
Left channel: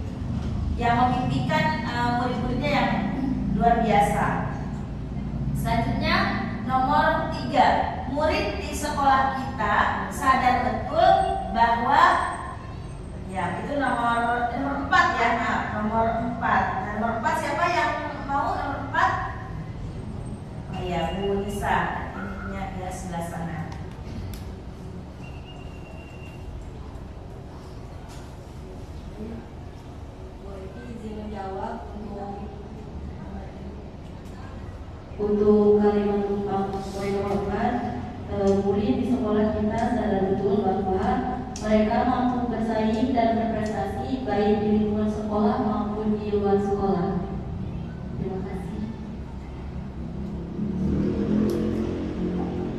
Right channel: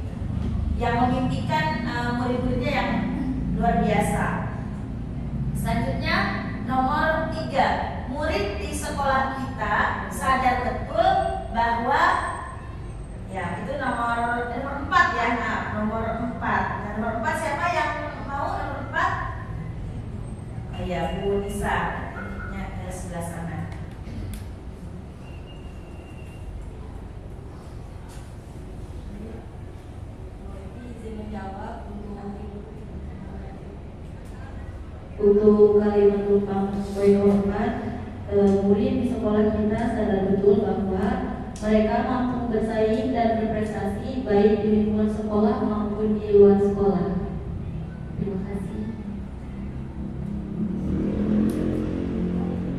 yang memimpikan murid-muridnya yang luar biasa. Selanjutnya nomor 3, murid di sekolah kita sadar betul bahwa ya itu nomor 4 ya. Nah, nomor 4 siapa yang mau nomor 4? Oh ya, Bu Nisa, ini ada sebelah sana. Menjawab untuk kalimat penumpang poin nomor 4, murid di sekolah kita sadar betul bahwa mereka mampu bersaing dan berprestasi baik di lingkungan sekolah maupun di luar sekolah. Terima kasih.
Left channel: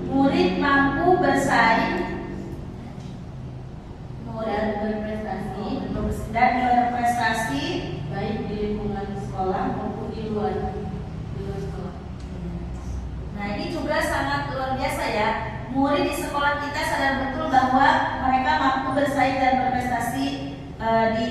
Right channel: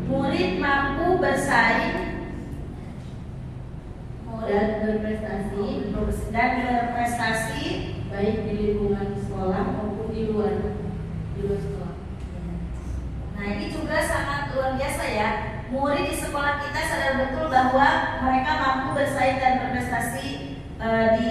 Murid mampu bersaing Dan berprestasi baik di lingkungan sekolah maupun di luar sekolah. Nah, ini juga sangat luar biasa ya. Murid di sekolah kita sadar betul bahwa mereka mampu bersaing dan berprestasi di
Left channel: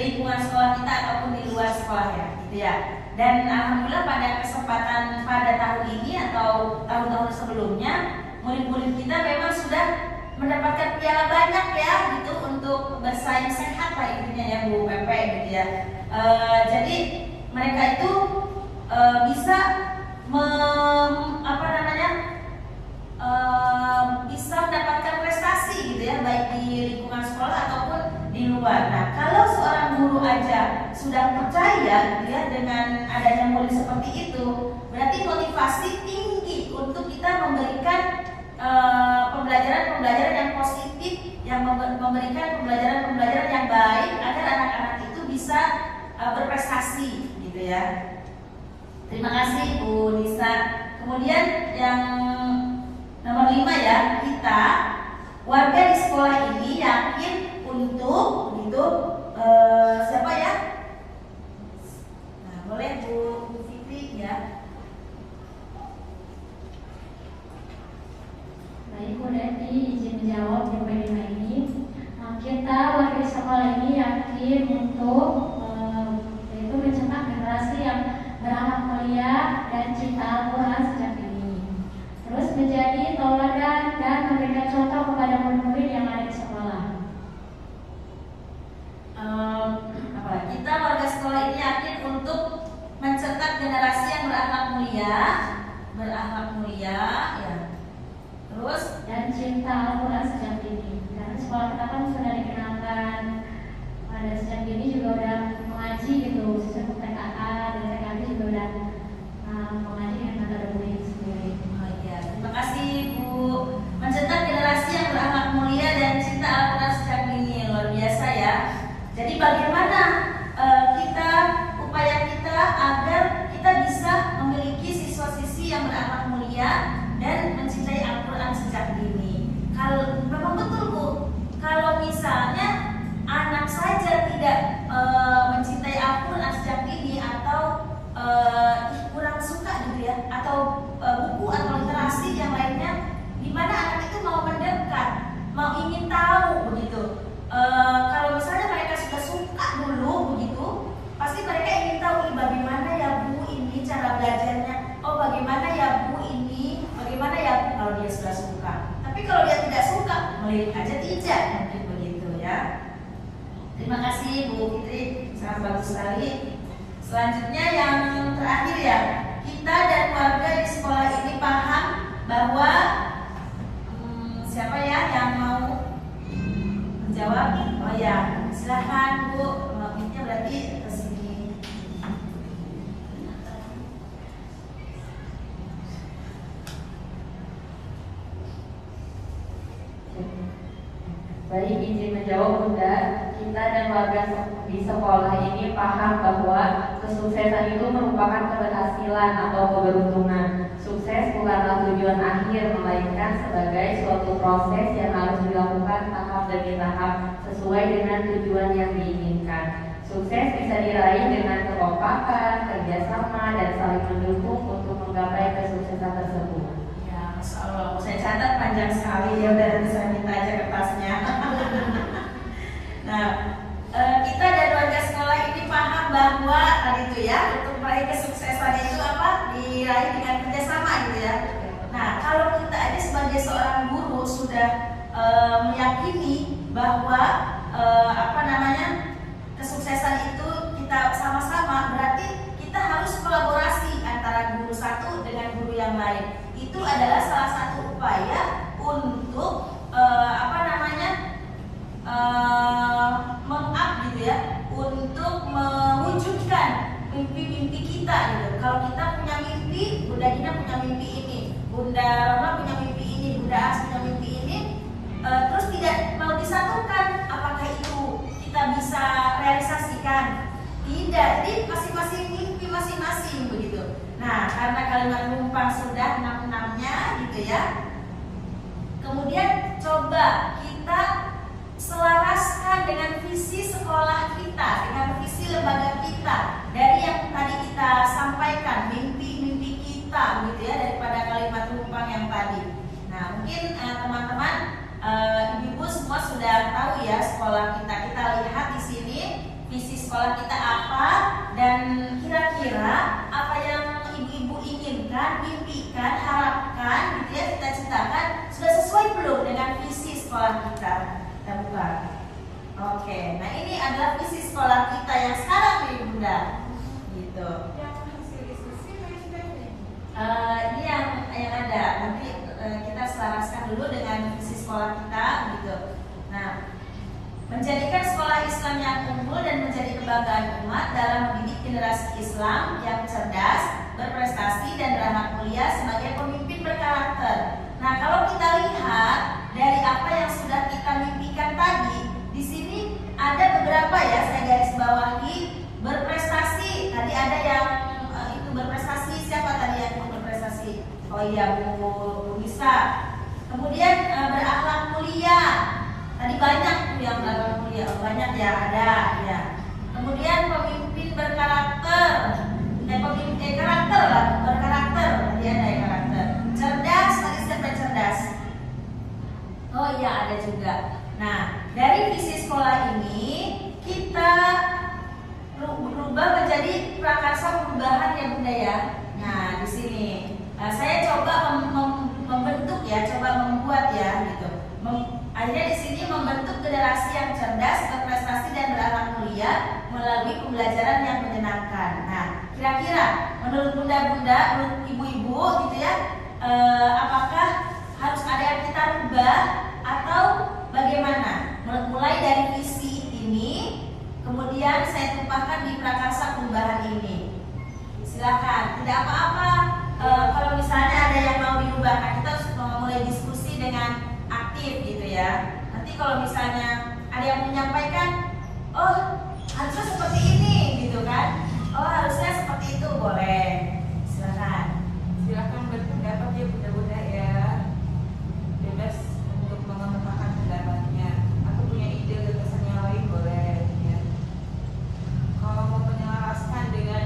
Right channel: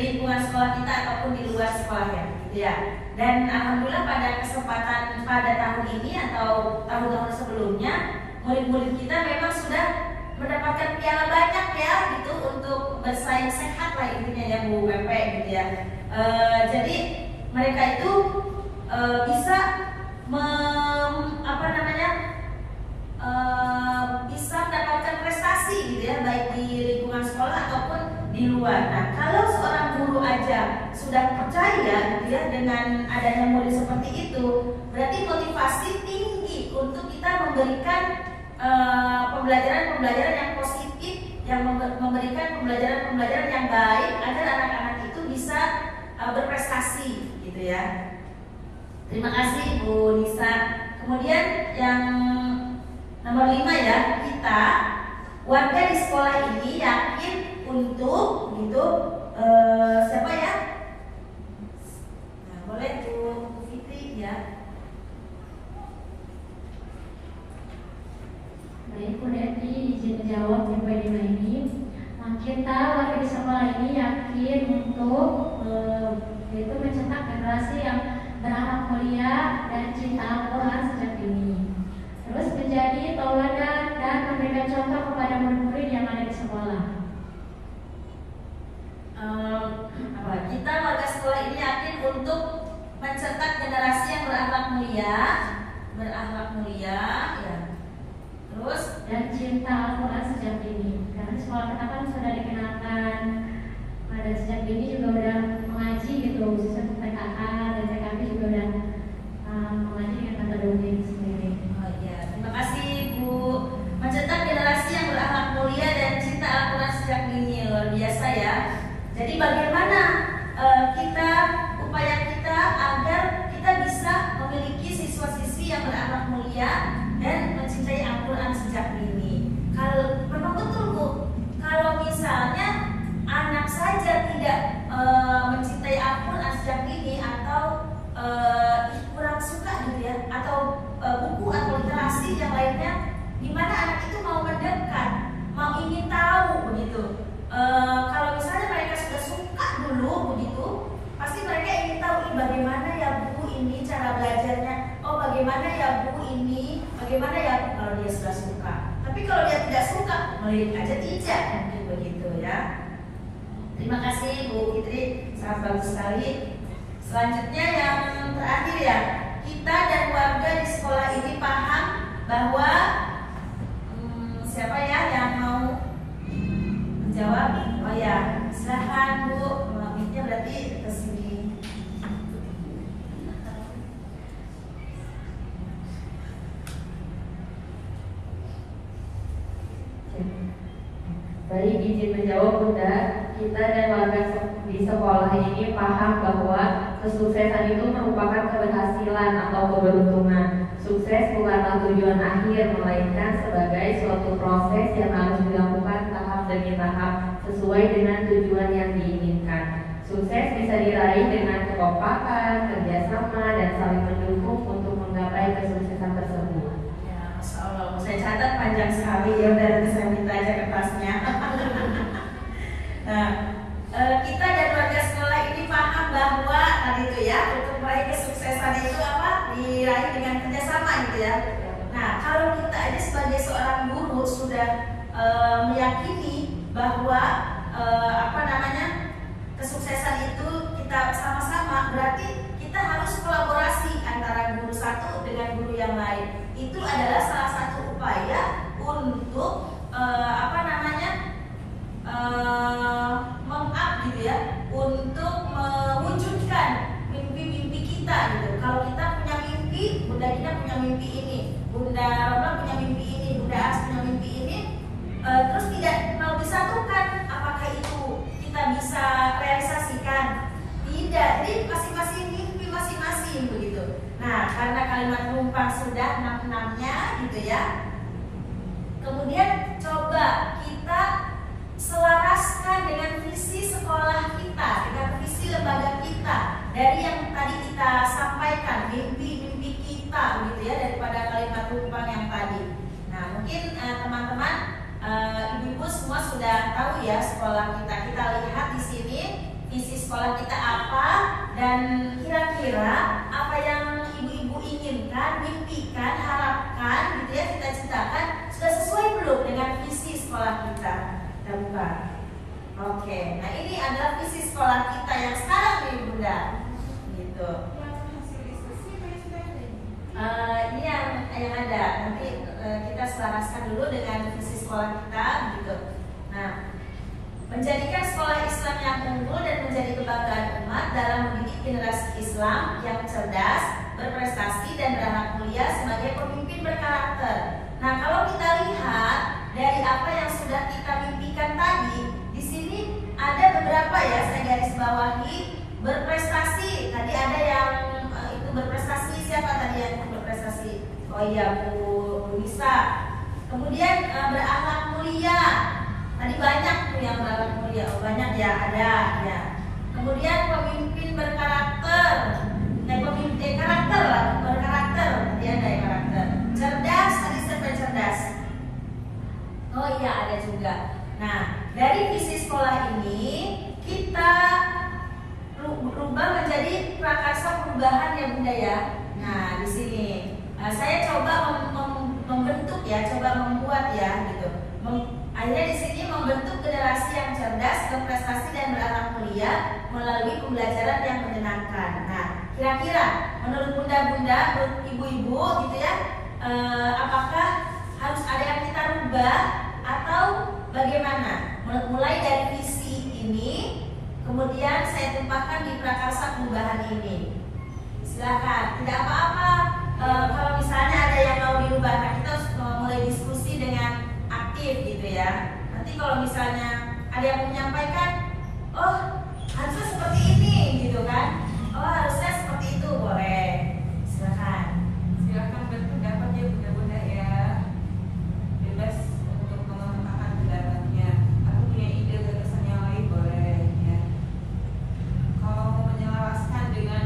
lingkungan sekolah kita ataupun di luar sekolah ya, gitu ya. Dan alhamdulillah pada kesempatan pada tahun ini atau tahun-tahun sebelumnya, murid-murid kita memang sudah mendapatkan piala banyak ya, gitu, untuk bersaing sehat lah intinya ya Bu Pepe gitu ya. Jadi mereka itu bisa bisa mendapatkan prestasi gitu ya, baik di lingkungan sekolah ataupun di luar. Nah, kalau seorang guru aja sudah percaya gitu ya dengan adanya murid seperti itu, berarti motivasi tinggi untuk kita memberikan pembelajaran yang positif, yang memberikan pembelajaran yang baik agar anak-anak itu bisa berprestasi gitu ya. Terima kasih Bu Nisa. Kemudian yang nomor 5 ya, kita warga di sekolah ini yakin untuk gitu siapa ya? Nah, boleh Bu Fitri ya. Baik, Bu Devi izin menjawab di poin 5 ini. Kita warga di sekolah ini yakin untuk yaitu mencetak generasi yang berakhlak mulia dan cinta Al-Quran sejak dini. Terus menjadi tauladan dan memberikan contoh kepada murid-murid yang ada di sekolah. Kita warga sekolah ini yakin untuk mencetak generasi yang berakhlak mulia, ya. Terus dan cinta Al-Quran sejak dini. Karena sekolah kita kan sudah dikenalkan pada pada sejak ini juga udah mengaji gitu, khususnya TKA dan TKB juga udah mengaji dengan akademik sendiri. Oh iya, terima kasih Bu. Mencetak generasi yang berakhlak mulia dan cinta Al-Quran sejak dini, luar biasa ya. Jadi bagaimana upaya kita agar kita bisa memiliki siswa-siswi yang berakhlak mulia dan mencintai Al-Quran sejak dini. Kalau memang betul Bu, kalau misalnya anak saja tidak mencintai Al-Quran sejak dini atau kurang suka gitu ya, atau buku atau literasi yang lainnya, gimana anak itu mau mendekat, mau ingin tahu begitu. Kalau misalnya mereka sudah suka dulu begitu, pasti mereka ingin tahu ini bagaimana ya Bu ini cara belajarnya, oh bagaimana ya Bu ini, bagaimana ya Bu, kalau dia sudah suka. Tapi kalau dia tidak suka, melihat aja tidak, mungkin begitu ya. Terima kasih Bu Fitri, sangat bagus sekali. Selanjutnya yang terakhir ya, kita dan warga di sekolah ini paham bahwa siapa ya yang mau menjawab? Oh ya, silahkan Bu. Miknya berarti ke sini. Baik, izin menjawab Bunda. Kita dan warga di sekolah ini paham bahwa kesuksesan itu merupakan keberhasilan atau keberuntungan. Sukses bukanlah tujuan akhir, melainkan sebagai suatu proses yang harus dilakukan tahap demi tahap sesuai dengan tujuan yang diinginkan. Sukses bisa diraih dengan kekompakan, kerjasama, dan saling mendukung untuk menggapai kesuksesan tersebut. Ya, Masya Allah, saya catat panjang sekali ya, dari saya minta aja kertasnya. Nah, kita dan warga sekolah ini paham bahwa tadi itu ya, untuk meraih kesuksesan itu apa? Diraih dengan kerjasama gitu ya. Nah, kalau kita aja sebagai seorang guru sudah meyakini bahwa kesuksesan itu kita sama-sama, berarti kita harus kolaborasi antara guru satu dengan guru yang lain. Itu adalah salah satu upaya untuk gitu ya, untuk mewujudkan mimpi-mimpi kita gitu. Kalau kita punya mimpi, Bunda Dina punya mimpi ini, Bunda Roma punya mimpi ini, Bunda As punya mimpi ini, terus tidak mau disatukan, apakah itu kita bisa realisasikan? Tidak, jadi masing-masing mimpi masing-masing begitu. Nah, karena kalimat rumpang sudah 6-6-nya gitu ya, kemudian coba kita selaraskan dengan visi sekolah kita, dengan visi lembaga kita, dari yang tadi kita sampaikan, mimpi-mimpi kita gitu ya, daripada kalimat rumpang yang tadi. Nah, mungkin teman-teman, ibu-ibu semua sudah tahu ya sekolah kita. Kita lihat di sini visi sekolah kita apa, dan kira-kira apa yang ibu-ibu inginkan, mimpikan, harapkan gitu ya, kita citakan, sudah sesuai belum dengan visi sekolah kita? Kita buka. Oke, nah ini adalah visi sekolah kita yang sekarang nih Bunda, gitu. Ini yang ada. Nanti kita selaraskan dulu dengan visi sekolah kita, gitu. Nah, menjadikan sekolah Islam yang unggul dan menjadi kebanggaan umat dalam mendidik generasi Islam yang cerdas, berprestasi dan beranak mulia sebagai pemimpin berkarakter. Nah, kalau kita lihat dari apa yang sudah kita mimpikan tadi, di sini ada beberapa ya, saya garis bawahi. Berprestasi, tadi ada yang itu berprestasi, siapa tadi yang berprestasi? Oh iya, Bu Nisa. Kemudian berakhlak mulia, tadi banyak tuh yang berakhlak mulia, oh, banyak ya, ada ya. Kemudian pemimpin berkarakter, karakter lah, berkarakter, tadi ada ya karakter. Cerdas, tadi siapa cerdas? Oh iya, ada juga. Nah, dari visi sekolah ini kita berubah menjadi prakarsa perubahan ya Bunda ya. Nah, di sini saya coba membentuk ya, coba membuat ya gitu. Akhirnya di sini membentuk generasi yang cerdas, berprestasi dan berakhlak mulia melalui pembelajaran yang menyenangkan. Nah, kira-kira menurut Bunda-bunda, menurut ibu-ibu gitu ya, apakah harus ada yang kita rubah atau bagaimana? Mulai dari visi ini kemudian saya tumpahkan di prakarsa perubahan ini. Silakan, tidak apa-apa. Kalau misalnya ada yang mau diubahkan, kita harus mulai diskusi dengan aktif gitu ya. Nanti kalau misalnya ada yang menyampaikan, oh harusnya seperti ini gitu kan, oh harusnya seperti itu, boleh. Silakan berpendapat ya bunda-bunda ya, bebas untuk mengembangkan pendapatnya. Aku punya ide gagasan yang lain, boleh ya. Kalau mau menyelaraskan dengan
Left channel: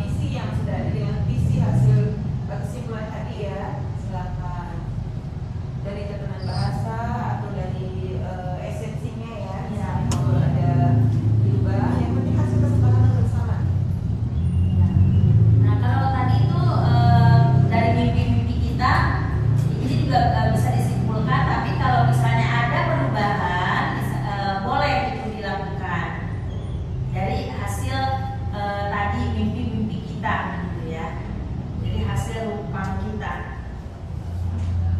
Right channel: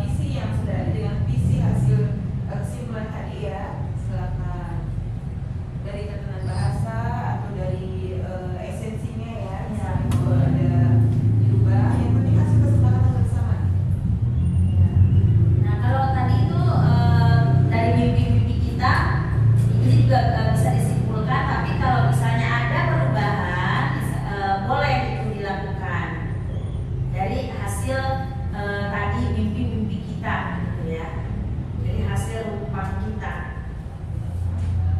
visi yang sudah ada, dengan visi hasil kesimpulan tadi ya, silakan. Dari tatanan bahasa atau dari esensinya ya, misalnya kalau ada diubah, yang penting hasil kesepakatan bersama. Nah kalau tadi itu dari mimpi-mimpi kita ini juga bisa disimpulkan, tapi kalau misalnya ada perubahan boleh itu dilakukan dari hasil tadi mimpi-mimpi kita gitu ya, jadi hasil rumpang kita.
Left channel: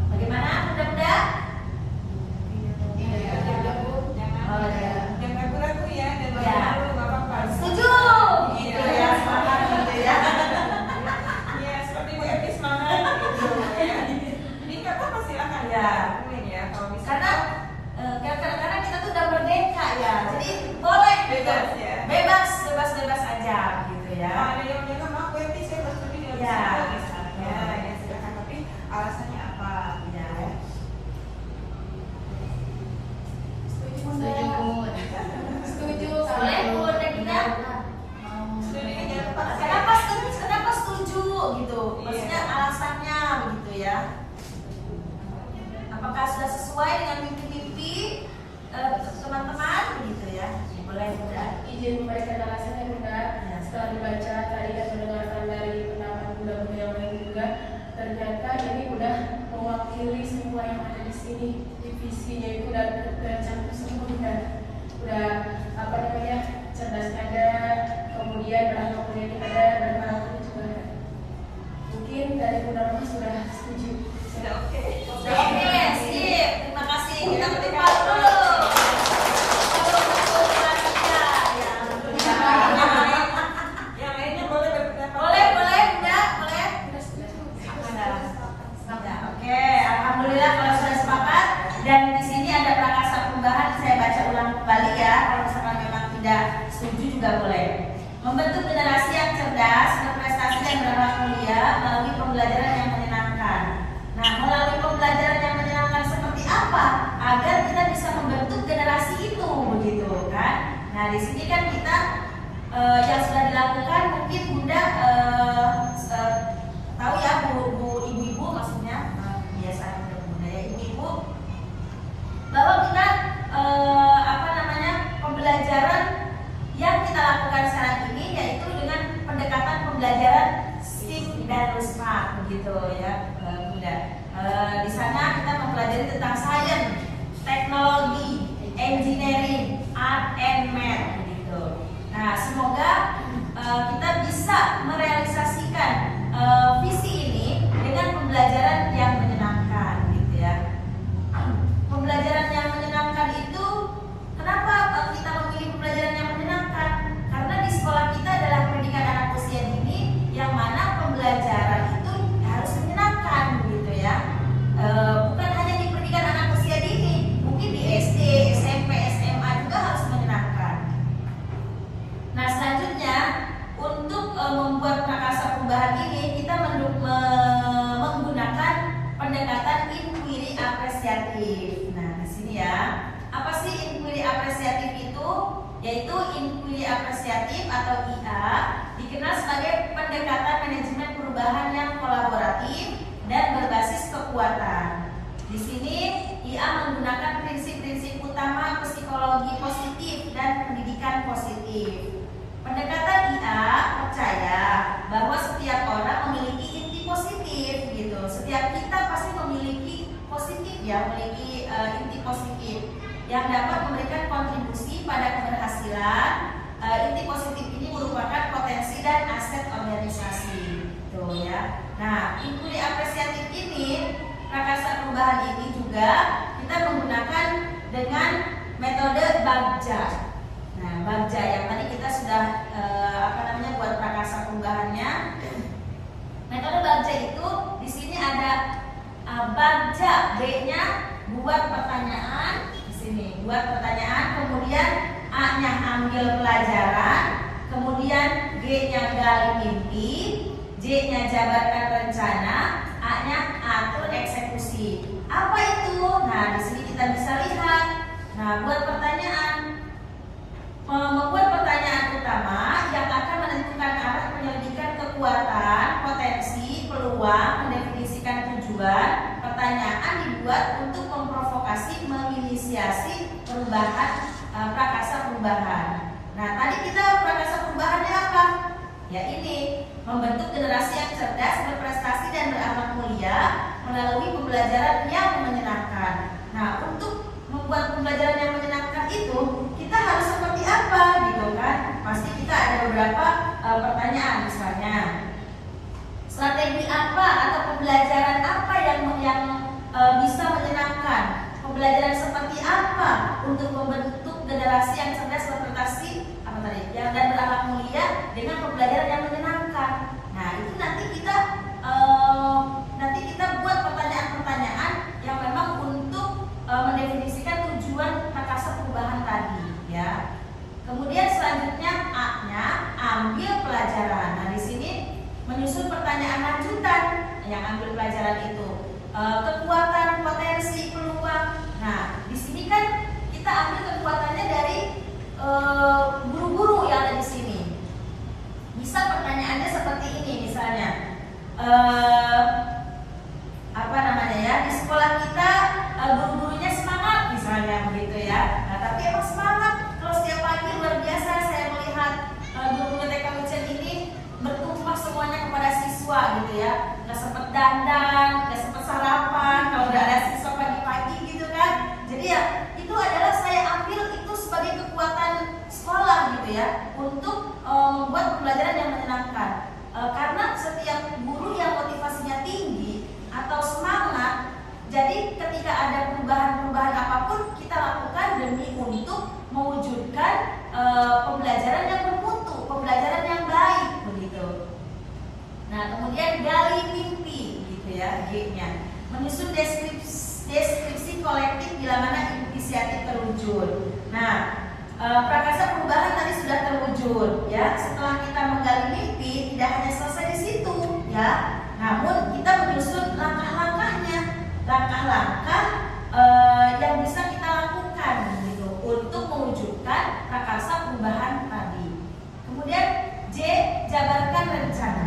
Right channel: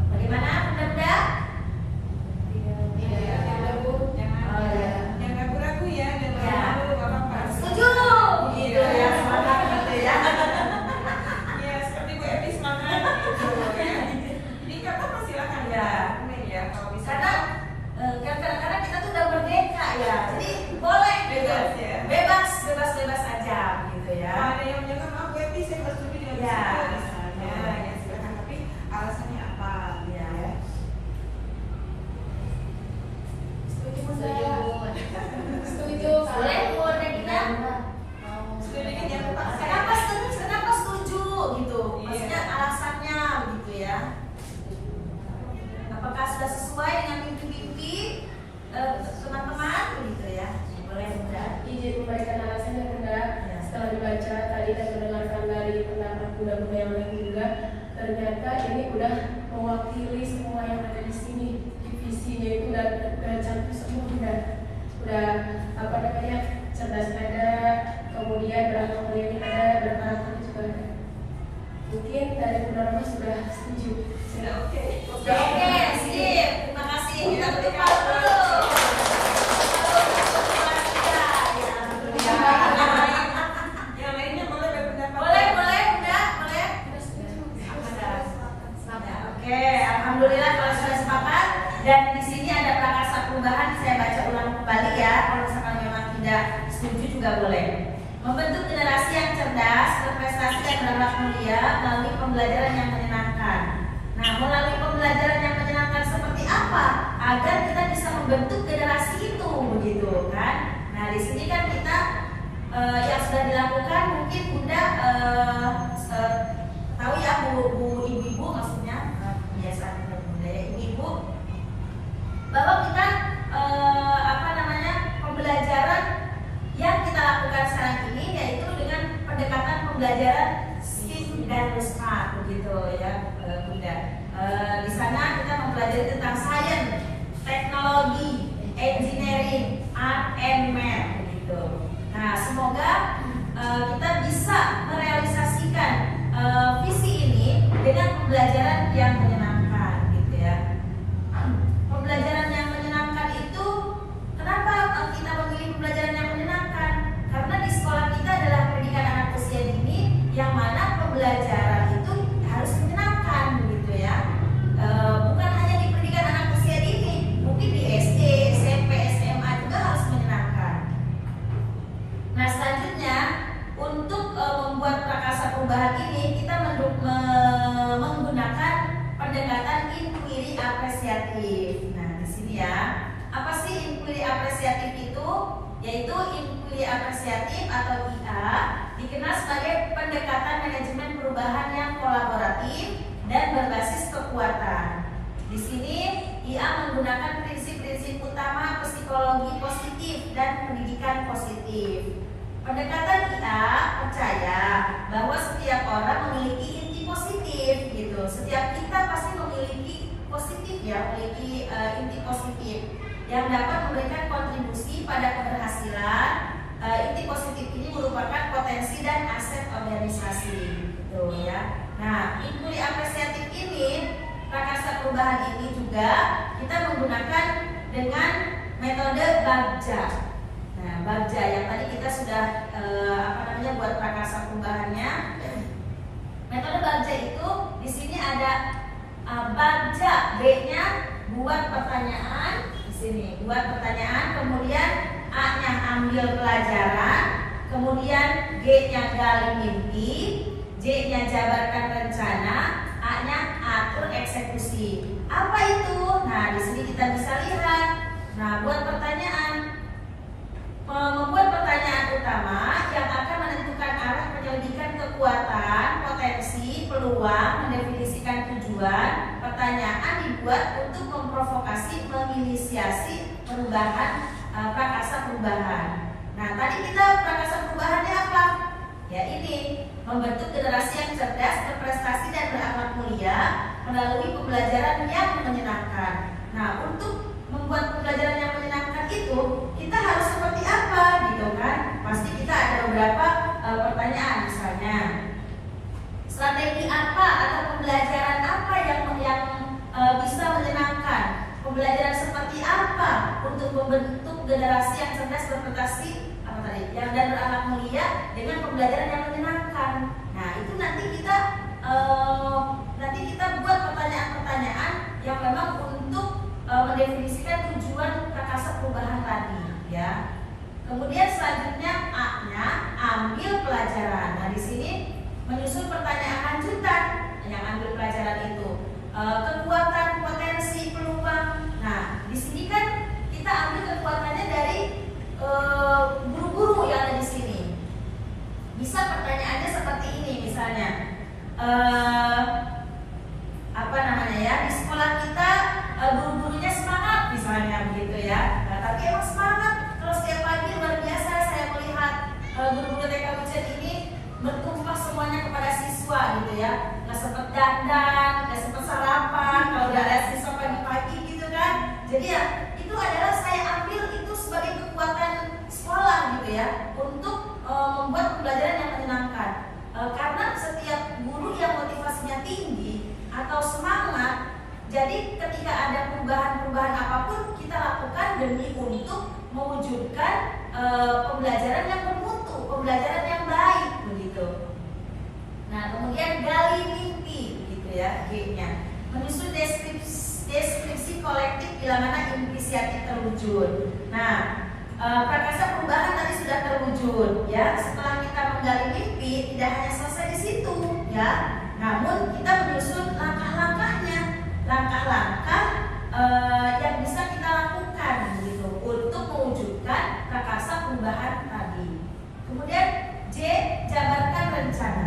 Bagaimana bunda-bunda? Oh, ya. Yang ragu-ragu ya, dan Ya. malu-malu gak apa-apa. Setuju gitu ya, semangat gitu ya. Ya, seperti Bu Epi semangat gitu ya. Jadi nggak apa-apa, silakan Ya. ya. Kalau bisa Karena kadang-kadang kita tuh udah merdeka ya, jadi boleh gitu. Bebas ya. bebas aja gitu ya. ada yang bilang maaf Bu Epi, saya nggak setuju ya. Ya. Misalnya, ya silakan. Tapi alasannya apa? Ya. Setuju Bu? Setuju. Boleh Bu Regina? Setuju ini jangan lupa saya. Kenapa setuju gitu? Maksudnya alasannya begitu ya. Apakah sudah sesuai dengan mimpi-mimpi teman-teman gitu ya? Boleh bunda. Izin memberikan alasannya bunda. Setelah dibaca tadi dan mendengarkan dari pendapat bunda-bunda yang lain juga, ternyata ini udah mewakili semua yang ada di sini. Divisinya itu udah campur semua udah apa namanya, cerdas ada, kemudian dalam politik ada, berkarakter juga ada. Mungkin dari bunda Roma sudah setuju. Sudah oke. Oke, sip. Terima kasih. Kita beri palu dulu. Yang lainnya boleh berpendapat. Boleh, boleh, bunda, boleh. Oke, alhamdulillah kalau sudah sepakat. Dan di sini ada prakarsa perubahan. Saya baca ulang kembali ya. Kalau misalkan memang tidak setuju juga boleh. Membentuk generasi yang cerdas, berprestasi dan berakhlak mulia melalui pembelajaran yang menyenangkan. Nah, melalui pembelajaran yang menyenangkan seperti apa agar kita bisa membentuk generasi itu, begitu kan? Nah, di sini kan kita yang sudah dilakukan mungkin bunda tahu ya bu ibu-ibu maksudnya kebiasaan bunda ya ibu-ibu bahwa kita apa namanya pembelajaran yang kita lakukan sekarang ini yaitu dengan pendekatan pembelajaran STEAM dan NUSMA begitu ya bunda. Di sana kita mempelajari tentang sains, teknologi, engineering, art and math begitu. Nah, semoga kita bisa merealisasikan visi ini dengan pembelajaran yang menyenangkan gitu ya. Pembelajaran yang menyenangkan itu kenapa kita memilih pembelajaran yang menyenangkan? Karena di sekolah kita adalah pendidikan anak usia dini yang mana pembelajaran itu harus menyenangkan gitu ya. Bukan hanya di pendidikan anak usia dini, mungkin di SD, SMP, SMA juga harus menyenangkan. Nah, selanjutnya untuk membuat prakarsa perubahan ini kita menggunakan pendekatan inquiry apresiatif. Nah, di sini ya. Apa sih inquiry apresiatif itu? Yaitu inquiry apresiatif atau IA dikenal sebagai pendekatan manajemen perubahan yang kolaboratif dan berbasis kekuatan. Di sini IA menggunakan prinsip-prinsip utama psikologi positif dan pendidikan positif. Pendekatan IA percaya bahwa setiap orang memiliki inti positif gitu. Setiap kita pasti memiliki positif ya, memiliki inti positif yang dapat memberikan kontribusi pada keberhasilan. Inti positif ini merupakan potensi dan aset organisasi. Tuh ya. Nah, inquiry apresiatif ini, prakarsa perubahan ini juga kita menggunakan dengan metode Bagja. Nah, bagja yang tadi kita sudah buat prakarsa perubahannya. Metode bagja itu di sini ada bagja, G-nya buat pertanyaan di sini, buat pertanyaan, kemudian A-nya ambil pelajaran, kemudian G-nya gali mimpi, J-nya jabarkan rencana, A-nya atur eksekusi. Apa itu? Nah, di sini kita bisa lihat. Nah, buat pertanyaan, membuat pertanyaan utama yang akan menentukan arah penyelidikan kekuatan, potensi, peluang, mendefinisikan tujuan. Pertanyaan dibuat untuk memprovokasi, menginisiasi perubahan, prakarsa perubahan. Nah, tadi kita prakarsa perubahannya apa? Ya ini, membentuk generasi yang cerdas, berprestasi dan berakhlak mulia melalui pembelajaran yang menyenangkan. Nah, untuk membuat pembelajaran yang menyenangkan itu kita harus seperti apa gitu kan? Pasti kita ada beberapa pertanyaan, misalnya strategi apa atau pembelajaran apa yang bisa menyenangkan, pembelajaran seperti apa untuk membentuk generasi yang cerdas, berprestasi dan berakhlak mulia dengan pembelajaran yang menyenangkan. Nah, itu nanti kita buat pertanyaan-pertanyaan yang memang untuk mendefinisikan tujuan prakarsa perubahan tadi, ya. Kemudian selanjutnya A-nya ambil pelajaran. Nah, di sini menyusun pertanyaan lanjutan yang ambil pelajaran itu. Kekuatan, potensi, peluang. Nah, di sini kan kita ambil kekuatannya dari guru-guru yang ada di sini. Bisa pertanyaannya seperti ini, misalnya di sekolah kita guru-gurunya semangat misalnya begitu ya. Nah, tapi emang semangat kalau setiap pagi luar biasa saya melihat guru-guru TK Wijen ini bertumpah semuanya kepada siswa gitu ya. Nggak sempat dandan, nggak sempat sarapan kalau udah ada siswa pagi-pagi gitu kan. Jadi ya itu adalah saya ambil itu sebagai kekuatan sekolah gitu ya, untuk membuat pembelajaran yang menyenangkan. Karena setiap guru yang motivasinya tinggi atau semangat, jadi ketika ada perubahan-perubahan apapun kita lakukan demi untuk mewujudkan pembelajaran yang bermutu, pembelajaran yang baik begitu. Nah, kemudian gali mimpi gitu ya, G-nya. Menyusun deskripsi kolektif bila mana inisiatif terwujud. Nah, prakarsa perubahan tadi sudah terwujud ya. Setelah kita menggali mimpi, tidak hanya selesai di situ ya, namun kita menyusun langkah-langkahnya, langkah-langkah yang bisa kita lakukan gitu untuk mewujudkan prakarsa perubahan tadi. Kemudian J, jabarkan rencana.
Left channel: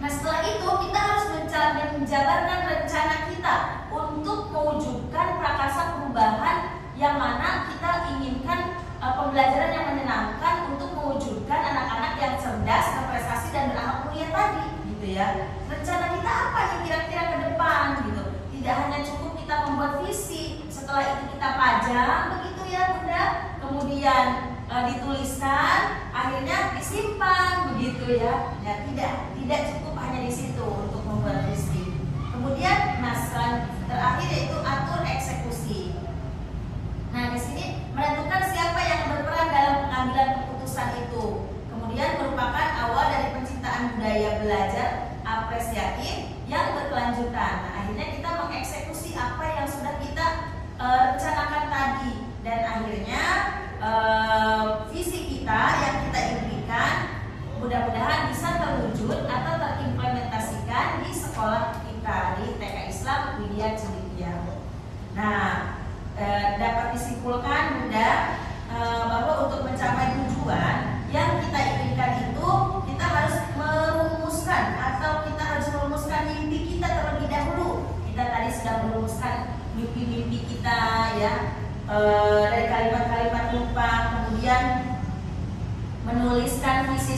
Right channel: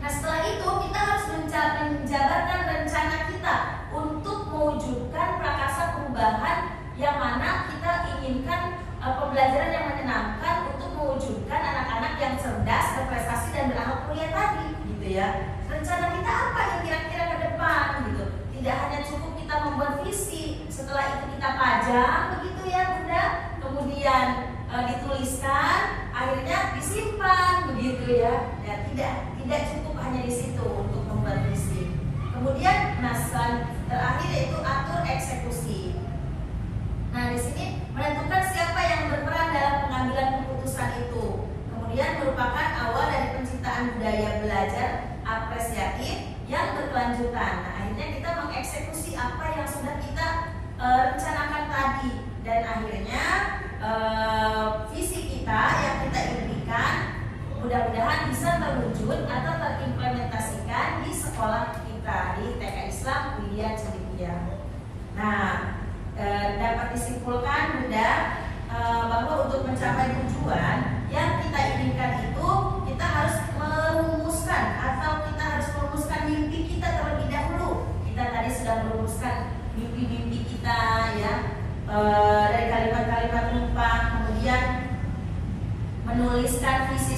Nah, setelah itu kita harus menjabarkan rencana kita untuk mewujudkan prakarsa perubahan yang mana kita inginkan pembelajaran yang menyenangkan untuk mewujudkan anak-anak yang cerdas, berprestasi dan berakhlak mulia tadi gitu ya. Rencana kita apa yang kira-kira ke depan gitu. Tidak hanya cukup kita membuat visi, setelah itu kita pajang begitu ya Bunda, kemudian dituliskan, akhirnya disimpan begitu ya. Ya tidak cukup hanya di situ untuk membuat visi. Kemudian terakhir yaitu atur eksekusi. Nah, di sini menentukan siapa yang berperan dalam pengambilan keputusan itu. Kemudian merupakan awal dari penciptaan budaya belajar apresiatif yang berkelanjutan. Nah, akhirnya kita mengeksekusi apa yang sudah kita rencanakan tadi, dan akhirnya visi kita yang kita impikan mudah-mudahan bisa terwujud atau terimplementasikan di sekolah kita di TK Islam Widya Celidia. Nah, dapat disimpulkan Bunda bahwa untuk mencapai tujuan yang kita inginkan itu kita harus merumuskan mimpi kita terlebih dahulu. Kita tadi sudah merumuskan mimpi-mimpi kita ya, dari kalimat-kalimat numpang, kemudian menuliskan visi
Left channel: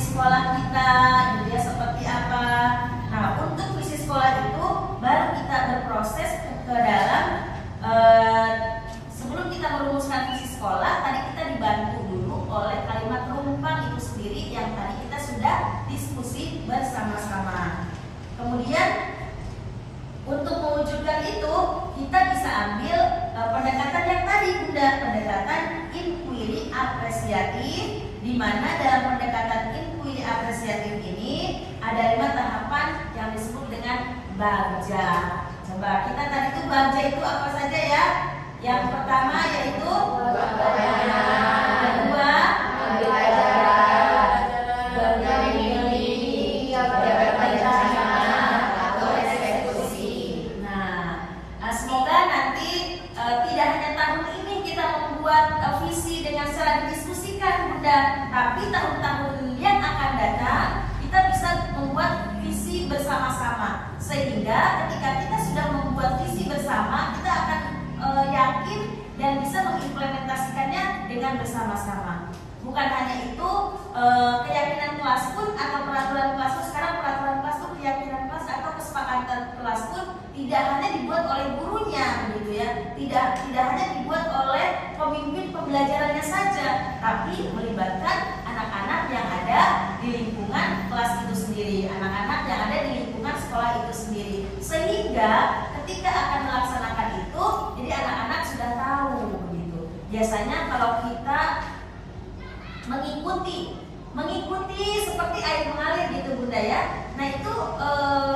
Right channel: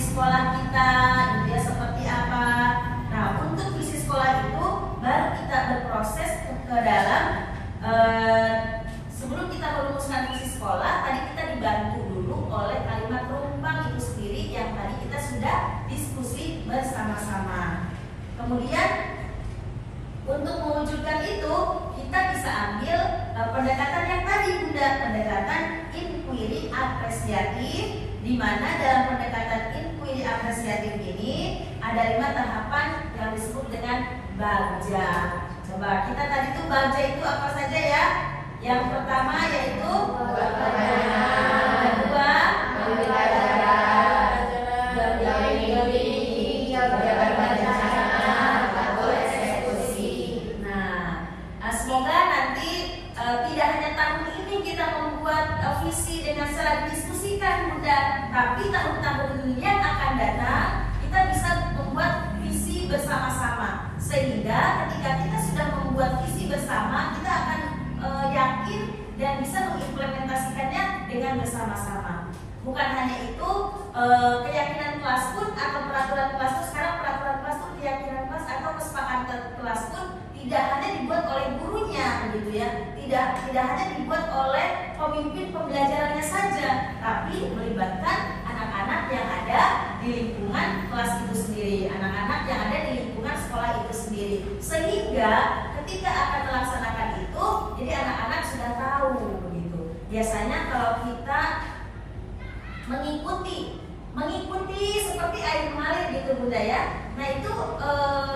jabatan rencana atau eksekusi. Semoga nanti tidak hanya tahun ini kita membuat visi dengan secara didiskusikan Bunda, tapi tahun-tahun yang akan datang kita bisa membuat visi bersama-sama, sehingga ketika kita sudah membuat visi bersama kita akan yakin dan bisa mengimplementasikannya dengan bersama-sama. Bukan hanya itu, keyakinan kelas pun atau peraturan kelas pun, sekarang peraturan kelas pun, keyakinan kelas atau kesepakatan kelas pun tidak hanya dibuat oleh gurunya, begitu ya. Tidak hanya dibuat oleh pemimpin pembelajarannya saja, tapi melibatkan anak-anak yang ada di lingkungan kelas itu sendiri, anak-anak yang ada di lingkungan sekolah itu sendiri, sehingga ketika akan melaksanakan itu, jadi anak-anak sudah tahu, begitu. Biasanya kalau kita mengikuti seperti air mengalir gitu Bunda ya. Nah itu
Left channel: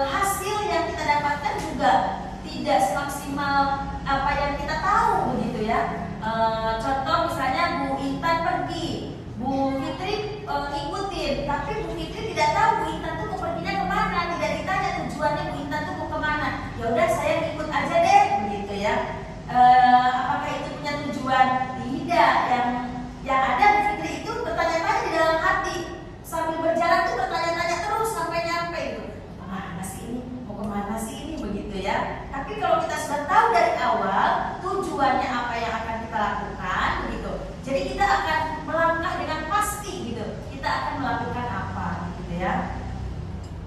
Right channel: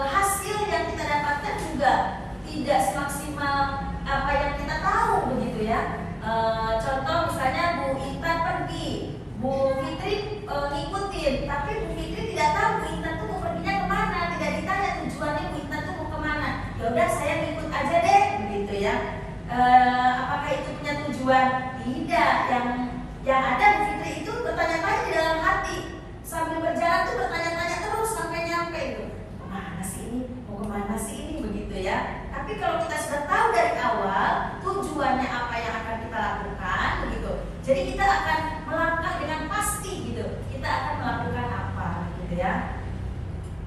hasil yang kita dapatkan juga tidak semaksimal apa yang kita tahu, begitu ya. Contoh misalnya Bu Intan pergi, Bu Fitri ngikutin, tapi Bu Fitri tidak tahu Bu Intan tuh mau perginya kemana, tidak ditanya tujuannya Bu Intan tuh mau kemana. Ya udah saya ikut aja deh, begitu ya. Apakah itu punya tujuan? Tidak. Yang ada Bu Fitri itu bertanya-tanya di dalam hati, sambil berjalan tuh bertanya-tanya terus sampai nyampe itu. Kemana sih ini? Mau kemana sih ini? Begitu ya. Tapi kalau kita sudah tahu dari awal tujuannya apa yang akan kita lakukan, begitu. Jadi kita akan melangkah dengan pasti gitu. Kita akan melakukan apa, gitu ya.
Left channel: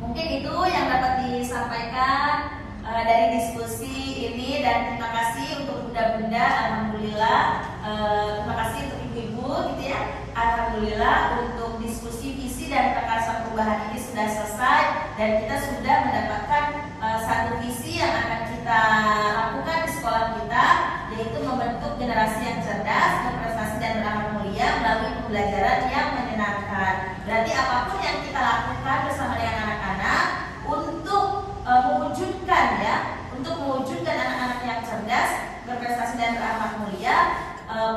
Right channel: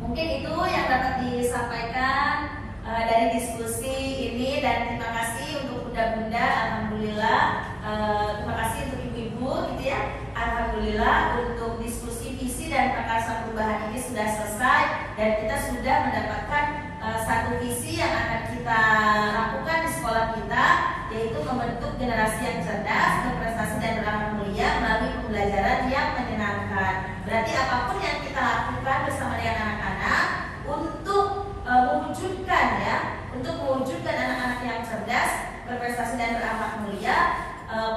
Mungkin itu yang dapat disampaikan dari diskusi ini, dan terima kasih untuk bunda-bunda. Alhamdulillah, terima kasih untuk ibu-ibu, gitu ya. Alhamdulillah untuk diskusi visi dan prakarsa perubahan ini sudah selesai, dan kita sudah mendapatkan satu visi yang akan kita lakukan di sekolah kita, yaitu membentuk generasi yang cerdas, berprestasi dan beranak mulia melalui pembelajaran yang menyenangkan. Berarti apapun yang kita lakukan bersama dengan anak-anak untuk mewujudkan anak-anak yang cerdas, berprestasi dan beranak mulia,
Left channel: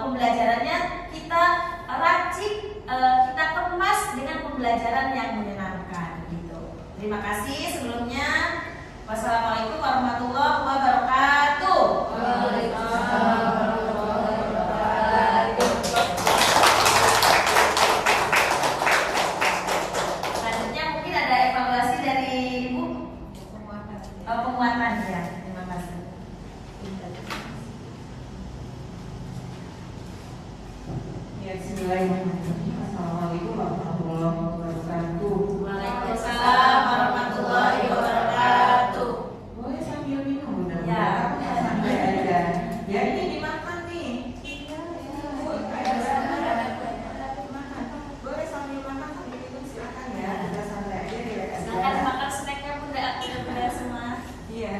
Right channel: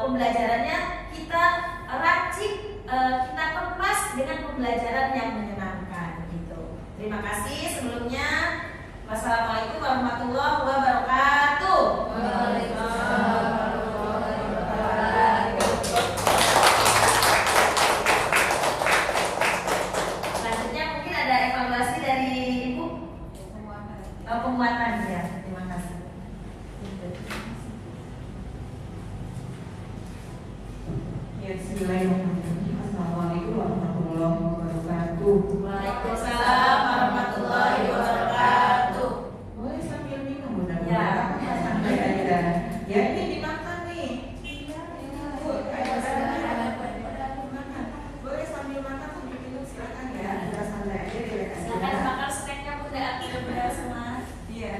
pembelajarannya kita racik, kita kemas dengan pembelajaran yang menyenangkan gitu. Terima kasih sebelumnya. Wassalamualaikum warahmatullahi wabarakatuh. Waalaikumsalam warahmatullahi wabarakatuh. Selanjutnya mungkin ada evaluasi dari Ibu. Penguatan ya. Terima kasih. Ya, bismillahirrahmanirrahim. Assalamualaikum warahmatullahi wabarakatuh. Waalaikumsalam warahmatullahi wabarakatuh. Boleh sambil minum Bunda? Ya. Ya, ya ini dimakan nih. Bu, makan. Boleh sambil makan sambil minum, silakan ya. Kita santai aja ya. Silakan makan snacknya Bunda, udah semua. Iya.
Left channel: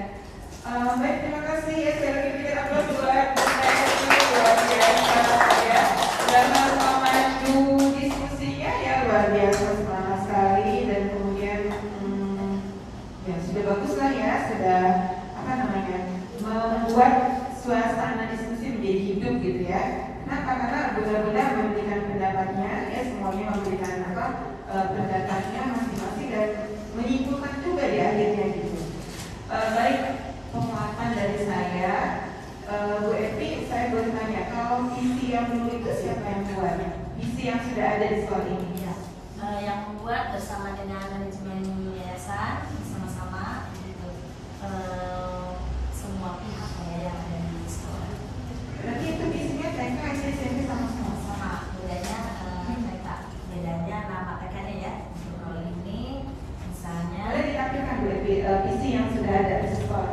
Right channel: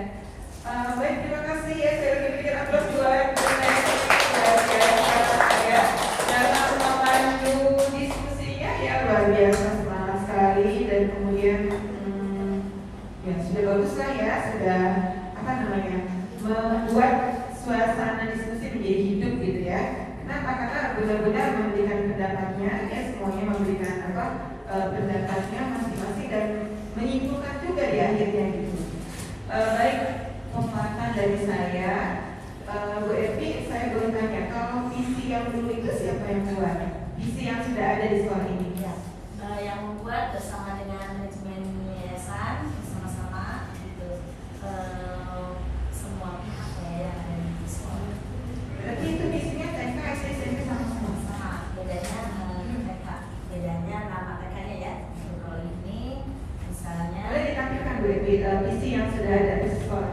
Baik, terima kasih ya. Saya berikan aplaus buat dan maju diskusinya ya, luar biasa, semangat sekali, dan kemudian ya sudah bagus lah ya, sudah apa namanya, membuat suasana diskusi menjadi hidup gitu ya. Kenapa? Karena benar-benar memberikan pendapatnya ya, semuanya memberikan pendapatnya masing-masing dan menyimpulkan juga di akhirnya gitu. Baik, penguatan dari saya. Bu Evi, saya boleh tanya, kalau visi yang dulu itu siapa yang buat? Visi yang sudah ada di sekolah ini? Ya, yang membuat bersama dengan manajemen yayasan sama-sama gitu, semua pihak yang ada di sekolah. Berarti itu visinya TK, SD, SMP sama-sama? Sama, bedanya TK, bedanya nama TK-nya ya. Kalau ini misalnya Boleh ditampilkan Bu Evi, visi yang sudah ada di sekolah?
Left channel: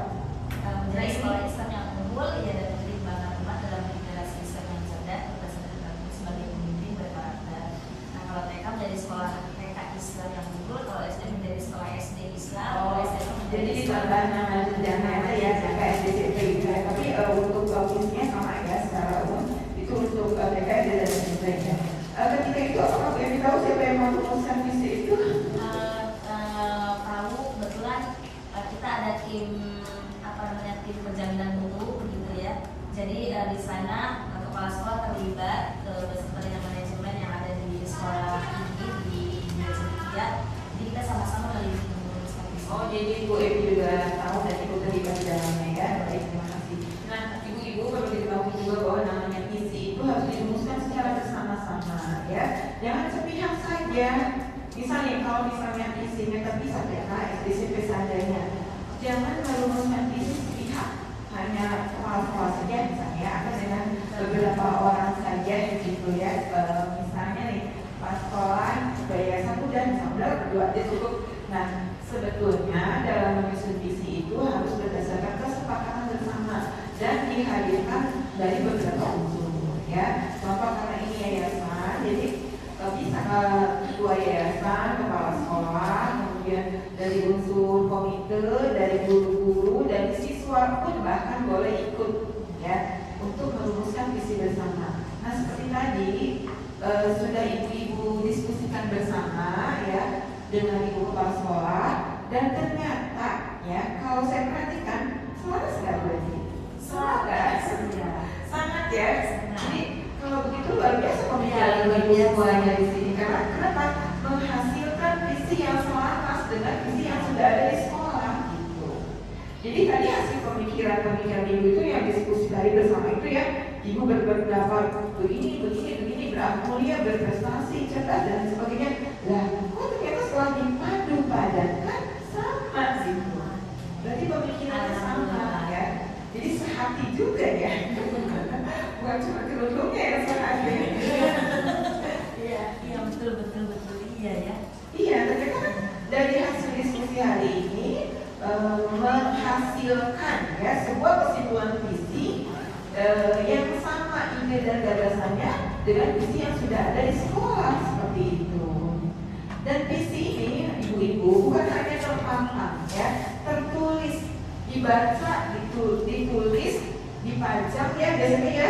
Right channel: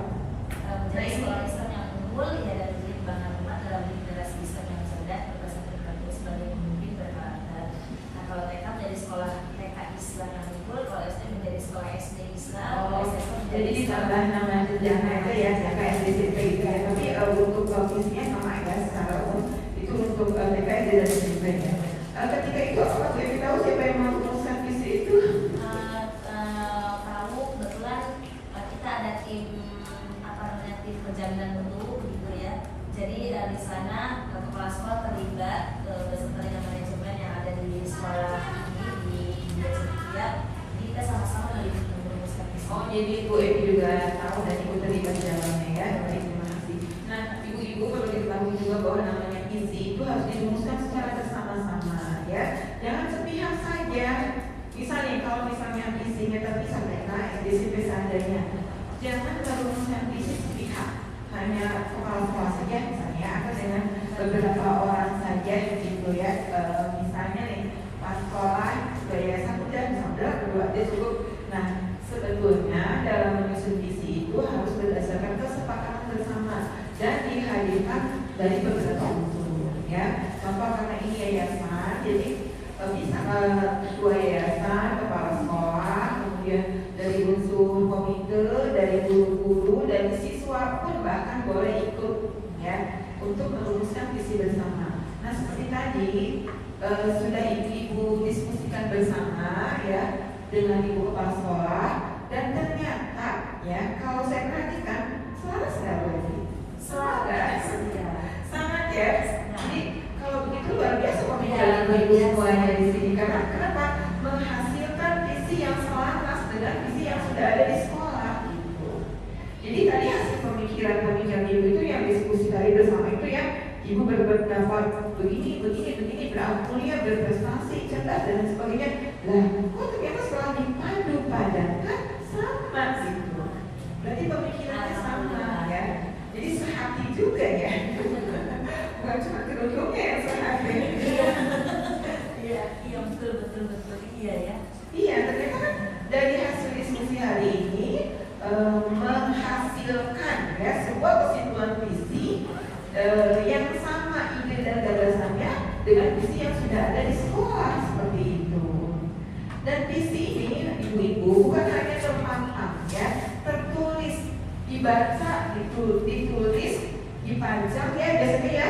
menjadi sekolah Islam yang unggul, ya, dan menjadi bangga rumah dalam generasi Islam yang cerdas, berdasarkan karakter sebagai pemimpin berkarakter. Nah, kalau TK menjadi sekolah TK Islam yang unggul, kalau SD menjadi sekolah SD Islam, kalau SMP menjadi Jadi sekolah tambah nama tujuannya aja ya, TK, SD, SMP gitu ya. Tapi untuk visinya sama ya, secara umum itu untuk TK, SD, dan SMP ya. Ketika itu apakah Bu Evi tahu siapa yang merumuskan visi itu? Kamu kebetulan kita ada tim tim penjalinan mutu begitu ya. Jadi di sana kepala sekolah terlibat beserta dengan manajemen yang ada di sekolah ini di Cendekia. Jadi kita sama-sama jadi Bu Evi juga tahu dan Ibu terlibat di dalamnya ya. Baik, terima kasih. Nah, Ibu-ibu perlu diketahui juga bahwa namanya visi itu harus dirumuskan secara bersama-sama ya. Jangan sepihak saja. Misalnya kalau misalnya visinya tapi sampai anak SD SMP seadanya, jangan merumuskan visi sepihak. Hanya kepala-kepala saja misalnya ada dengan beberapa orang saja gitu ya. Misalnya nih pastoran bayar 1 dan sambil berdua dia cukup. Nah, sebetulnya dalam menyusun visi itu harus berdasarkan kesepakatan bersama dan dihadirkan dari beberapa unsur ya. Contoh karena ini yayasan, jadi bisa ketua yayasan, kepala sekolah, kemudian dari unsur komite, dari guru-guru, dari siswa pun bahkan boleh ikut ya untuk merumuskan visi bersama. Nah, seperti tadi sudah ibu-ibu diskusikan bersama ya dengan ibu kepala sekolah, dan ternyata ya kalau saya perhatikan selaras nggak berarti? Selaras, sangat ya. Jadi kalau begitu luar biasa pemikiran ibu semuanya di sini. Karena kenapa? Menghasilkan visi yang selaras dengan visi yang sudah ada di sekolah gitu. Jadi tadi hasil pemikiran ibu itu yang diskusi tadi bersama itu ya, ibu berpendapat begini beramal mulia, berprestasi, cerdas dan sebagainya. Lah, kok ternyata setelah dipadu padankan sama gitu. Berarti pemikirannya sama ya. Jadi sehati juga ya. Bukan cuma kerudungnya yang sehati. Iya, betul iya ya. Iya, ternyata dari hasil diskusi hari ini menghasilkan ya sebuah kesimpulan visi yang sama ide dan gagasannya dengan visi yang sudah ada di sekolah seperti itu. Dan visi ini ibu-ibu bukan hanya terpampang ya, tertulis, dibaca, ditulis, dipajang ya biasanya ya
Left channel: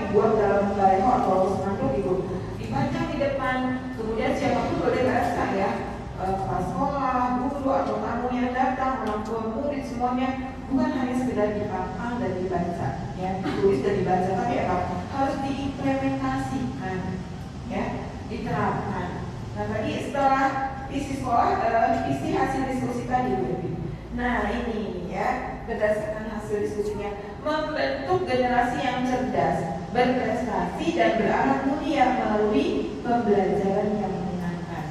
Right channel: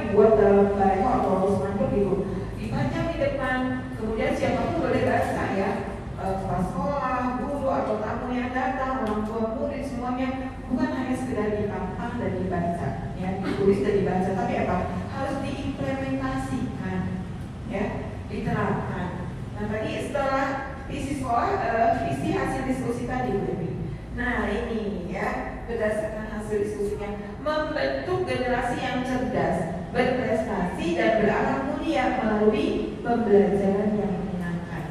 dibuat dalam karya atau spanduk gitu, dipajang di depan, kemudian siapapun boleh baca ya, kepala sekolah, guru atau tamu yang datang, orang tua murid semuanya, bukan hanya sekedar dipajang dan dibaca ya, ditulis dan dibaca, tapi apa? Harus diimplementasikan ya, diterapkan. Nah tadi setelah isi sekolah, isi hasil diskusi tadi Bu. Nah ini ya, berdasarkan hasil diskusinya membentuk generasi yang cerdas, berprestasi dan beranak mulia melalui pembelajaran yang menyenangkan.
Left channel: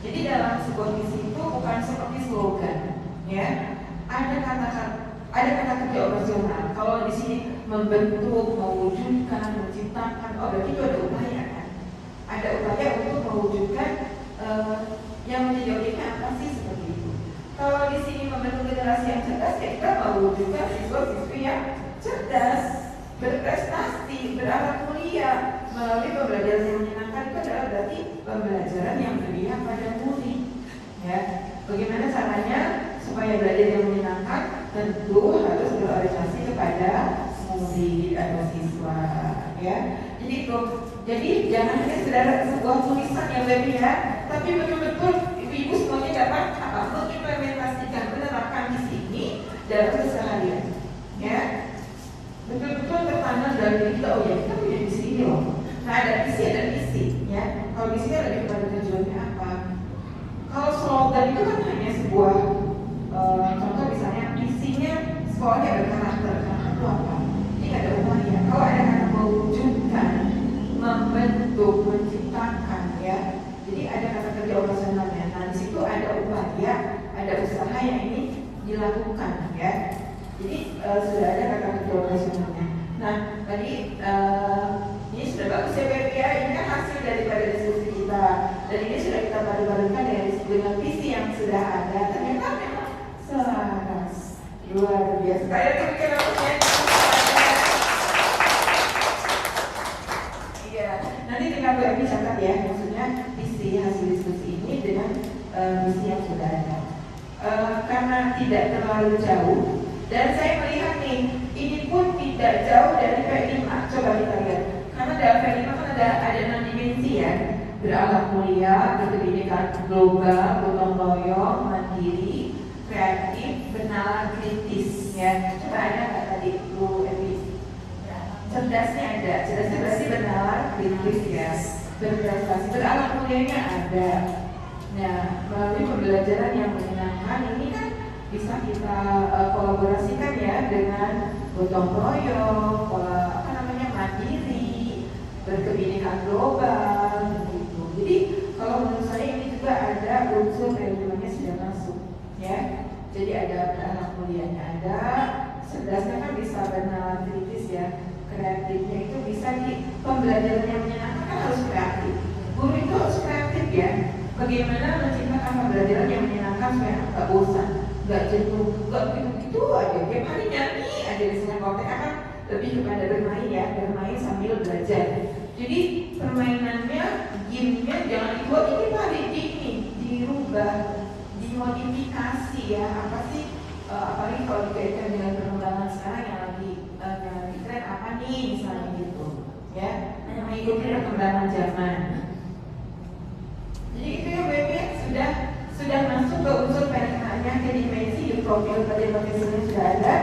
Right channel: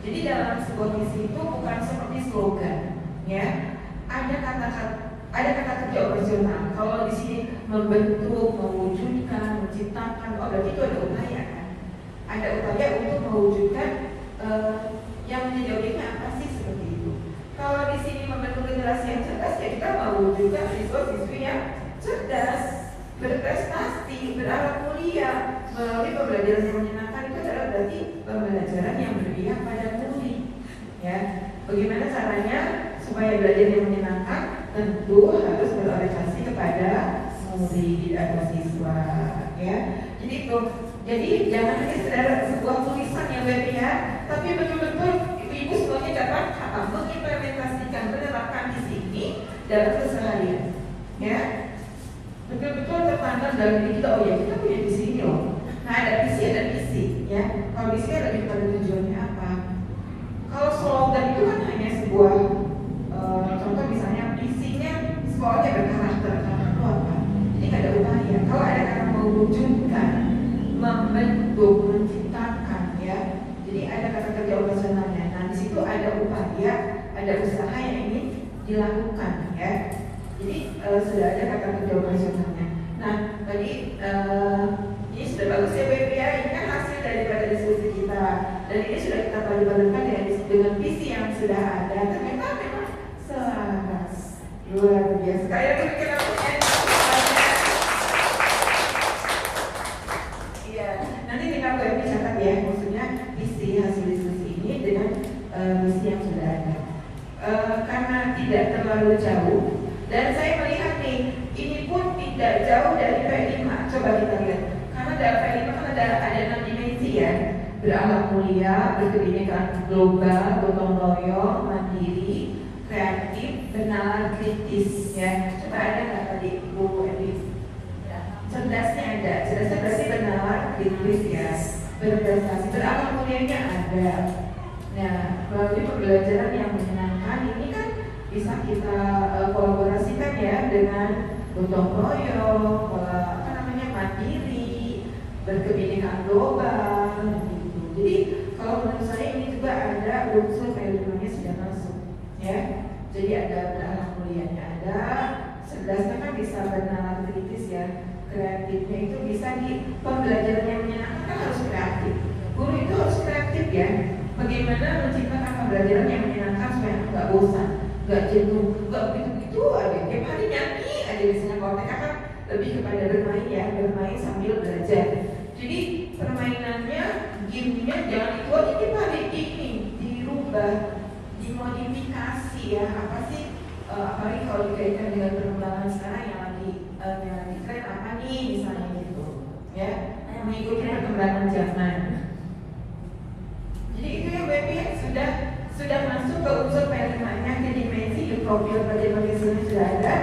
Jadi dalam sebuah visi itu bukan seperti slogan, ya. Ada kata kerja operasional. Kalau di sini membentuk, mewujudkan, menciptakan, berarti itu ada upaya kan? Ada upaya untuk mewujudkan yang menjadi objeknya apa sih seperti itu. Kalau di sini membentuk generasi yang cerdas, ya kita mewujudkan siswa-siswi yang cerdas, berprestasi, beranak mulia melalui pembelajaran yang menyenangkan. Itu adalah berarti pembelajaran yang berpihak pada murid. Ya, bagaimana caranya supaya belajar yang menyenangkan? Tentu harus berorientasi kepada murid atau siswa. Ya, jadi jangan hanya sekedar sebuah tulisan yang berpihak, tapi betul-betul ibu semuanya dapat mengimplementasikan, menerapkan di sini dalam keseharian. Ya, betul-betul tertanam dalam diri kita. Oh ya, kita punya visi ini loh. Nah, ada visi, ya. Kalau visi lebih kepada tujuannya apa? Kalau slogan itu kan hanya sebuah contoh, misalnya visinya sekolahnya berkarakter. Itu apa? Ini ada upaya. Kalau ada kata mewujudkan, membentuk, menciptakan, ya. Jadi ada kata kerja operasionalnya. Nah, di situ ada upaya, ada usaha yang ini dilakukan, ya. Jadi sudah ada kata kerja operasionalnya. Nah, tadi ini sudah bagus ya BPA, ini kan hasil daripada diskusi kita. Dan ini sudah kita padupadankan dengan visi yang sudah ada. Ternyata memang selaras, luar biasa. Saya kira iya, nanti kita boleh catat ya, maksudnya visi hasil diskusi ini dengan visi yang sudah ada. Karena tidak terlalu jauh. Dan saya melihat nih, ini pun tidak jauh dari P5. Coba kita lihat. Karena dalam P5 kan ada 6 dimensi ya. Beranak mulia, berkebinekaan global, gotong royong, mandiri, kreatif, benar, kritis ya. Coba ada nggak tadi Bu Evi? Cerdasnya ada. Cerdasnya berarti benar, kritis ya. Berprestasi, beranak mulianya ada. Nah, melalui pembelajaran yang menyenangkan ini kan bisa kita kolaborasikan ya dengan gotong royong, mandiri, berkebinekaan global gitu. Jadi kalau menurut saya ini juga ada unsur keilmuannya sudah masuk ya. Jadi ada anak kuliahnya ada, cerdasnya kan bisa bernalar kritis ya, kreatifnya itu bisa di pembelajaran yang menyenangkan kan harus kreatif. Guru itu harus kreatif ya. Bagaimana menciptakan pembelajaran yang menyenangkan supaya anak nggak bosan, nggak jenuh, nggak begitu ada tiap hari nyanyi ada di sana. Kalau TK kan lebih kepada bermain ya, bermain sambil belajar. Jadi permainannya, gamenya jangan dibuat ini Pak, ini dirubah, dimodifikasi ya. Apa sih? Apalagi kalau dikaitkan dengan perkembangan sekarang yang lagi tren apa nih misalnya gitu, ya, mengikuti perkembangan zaman. Jadi itu yang baby sudah masuk ke unsur PNM-nya, ke dimensi di profil pada sudah ada.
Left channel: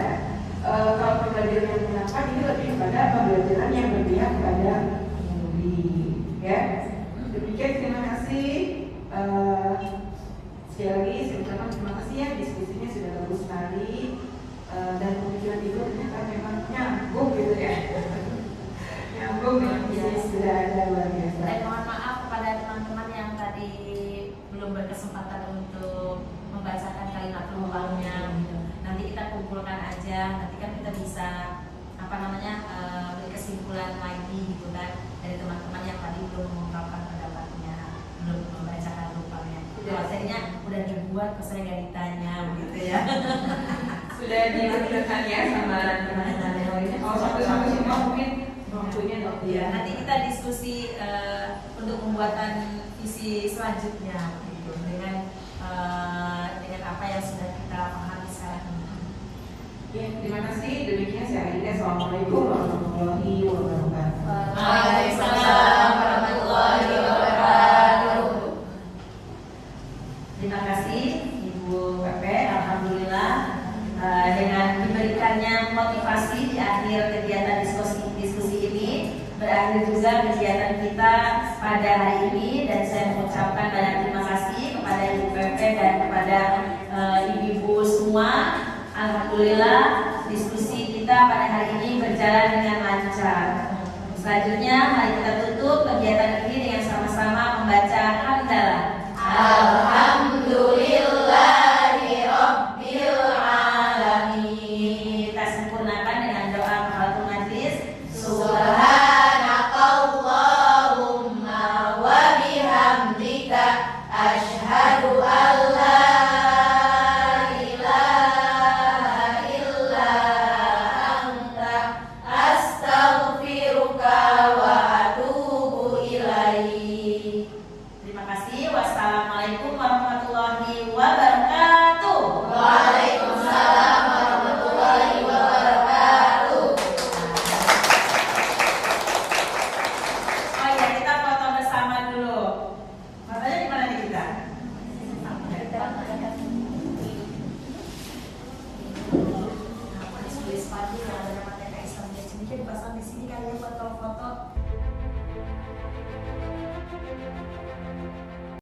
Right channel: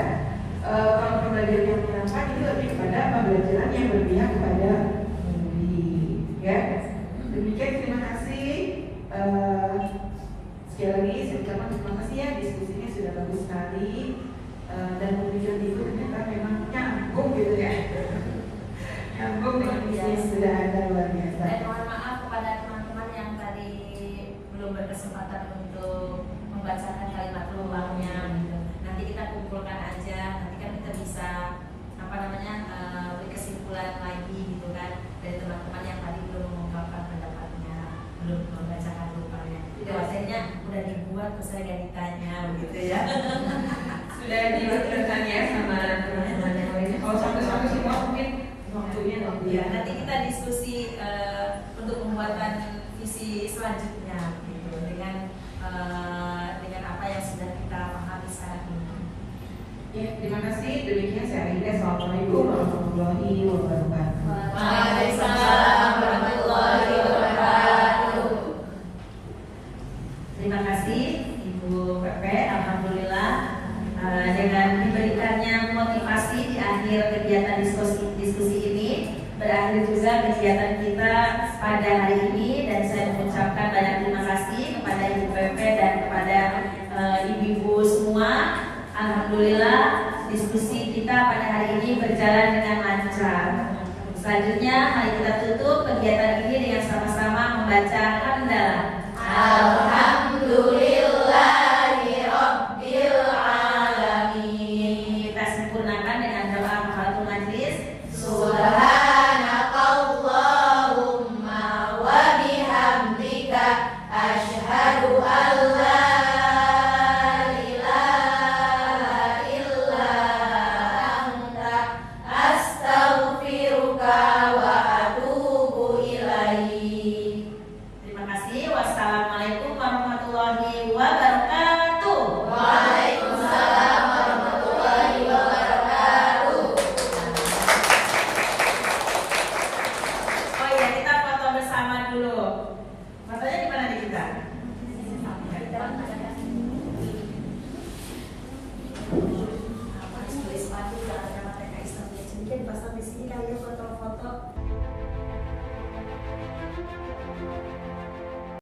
Kalau pembelajaran yang menyenangkan ini lebih kepada pembelajaran yang berpihak kepada pengemudi, ya. Demikian, terima kasih. Sekali lagi saya ucapkan terima kasih ya, diskusinya sudah bagus sekali dan pemikiran itu ternyata memang nyambung gitu ya. Nyambung dengan yang sudah ada luar biasa. Dan mohon maaf kepada teman-teman yang tadi belum berkesempatan untuk membacakan kalimat penumpangnya. Nanti kita kumpulkan aja, nanti kan kita bisa beri kesimpulan lagi gitu kan dari teman-teman yang tadi belum mengungkapkan pendapatnya, belum membacakan rupanya. Materinya udah dibuat, ke saya gak ditanya gitu ya. Sudah diwakilkan ya sama teman-teman yang lainnya. Kalau satu-satu semua mungkin waktunya ya, nanti kita diskusi untuk pembuatan visi selanjutnya gitu, dengan apa yang sudah kita pahami sekarang ini. Ya, terima kasih. Demikian saya Aida. Assalamualaikum warahmatullahi wabarakatuh. Waalaikumsalam warahmatullahi wabarakatuh. Terima kasih Ibu Pepe. Alhamdulillah dengan diberikannya motivasi di akhir kegiatan diskusi ini, berakhir juga kegiatan kita pada hari ini, dan saya mengucapkan banyak terima kasih kepada Ibu Pepe dan kepada ibu-ibu semua. Alhamdulillah diskusi kita pada hari ini berjalan dengan lancar. Selanjutnya mari kita tutup kegiatan ini dengan sama-sama membaca hamdalah. Alhamdulillahi Rabbil Alamin. Kita sempurnakan dengan doa kafaratul majlis. Subhanakallahumma wa bihamdika asyhadu an la ilaha illa anta astaghfiruka wa atubu ilaik. Terima kasih. Wassalamualaikum warahmatullahi wabarakatuh. Waalaikumsalam warahmatullahi wabarakatuh. Oh ya, kita foto bersama dulu. Fotonya di mana nih kita? Sepatu yang ada nama TK Islam, dipasang di sini kan, foto-foto.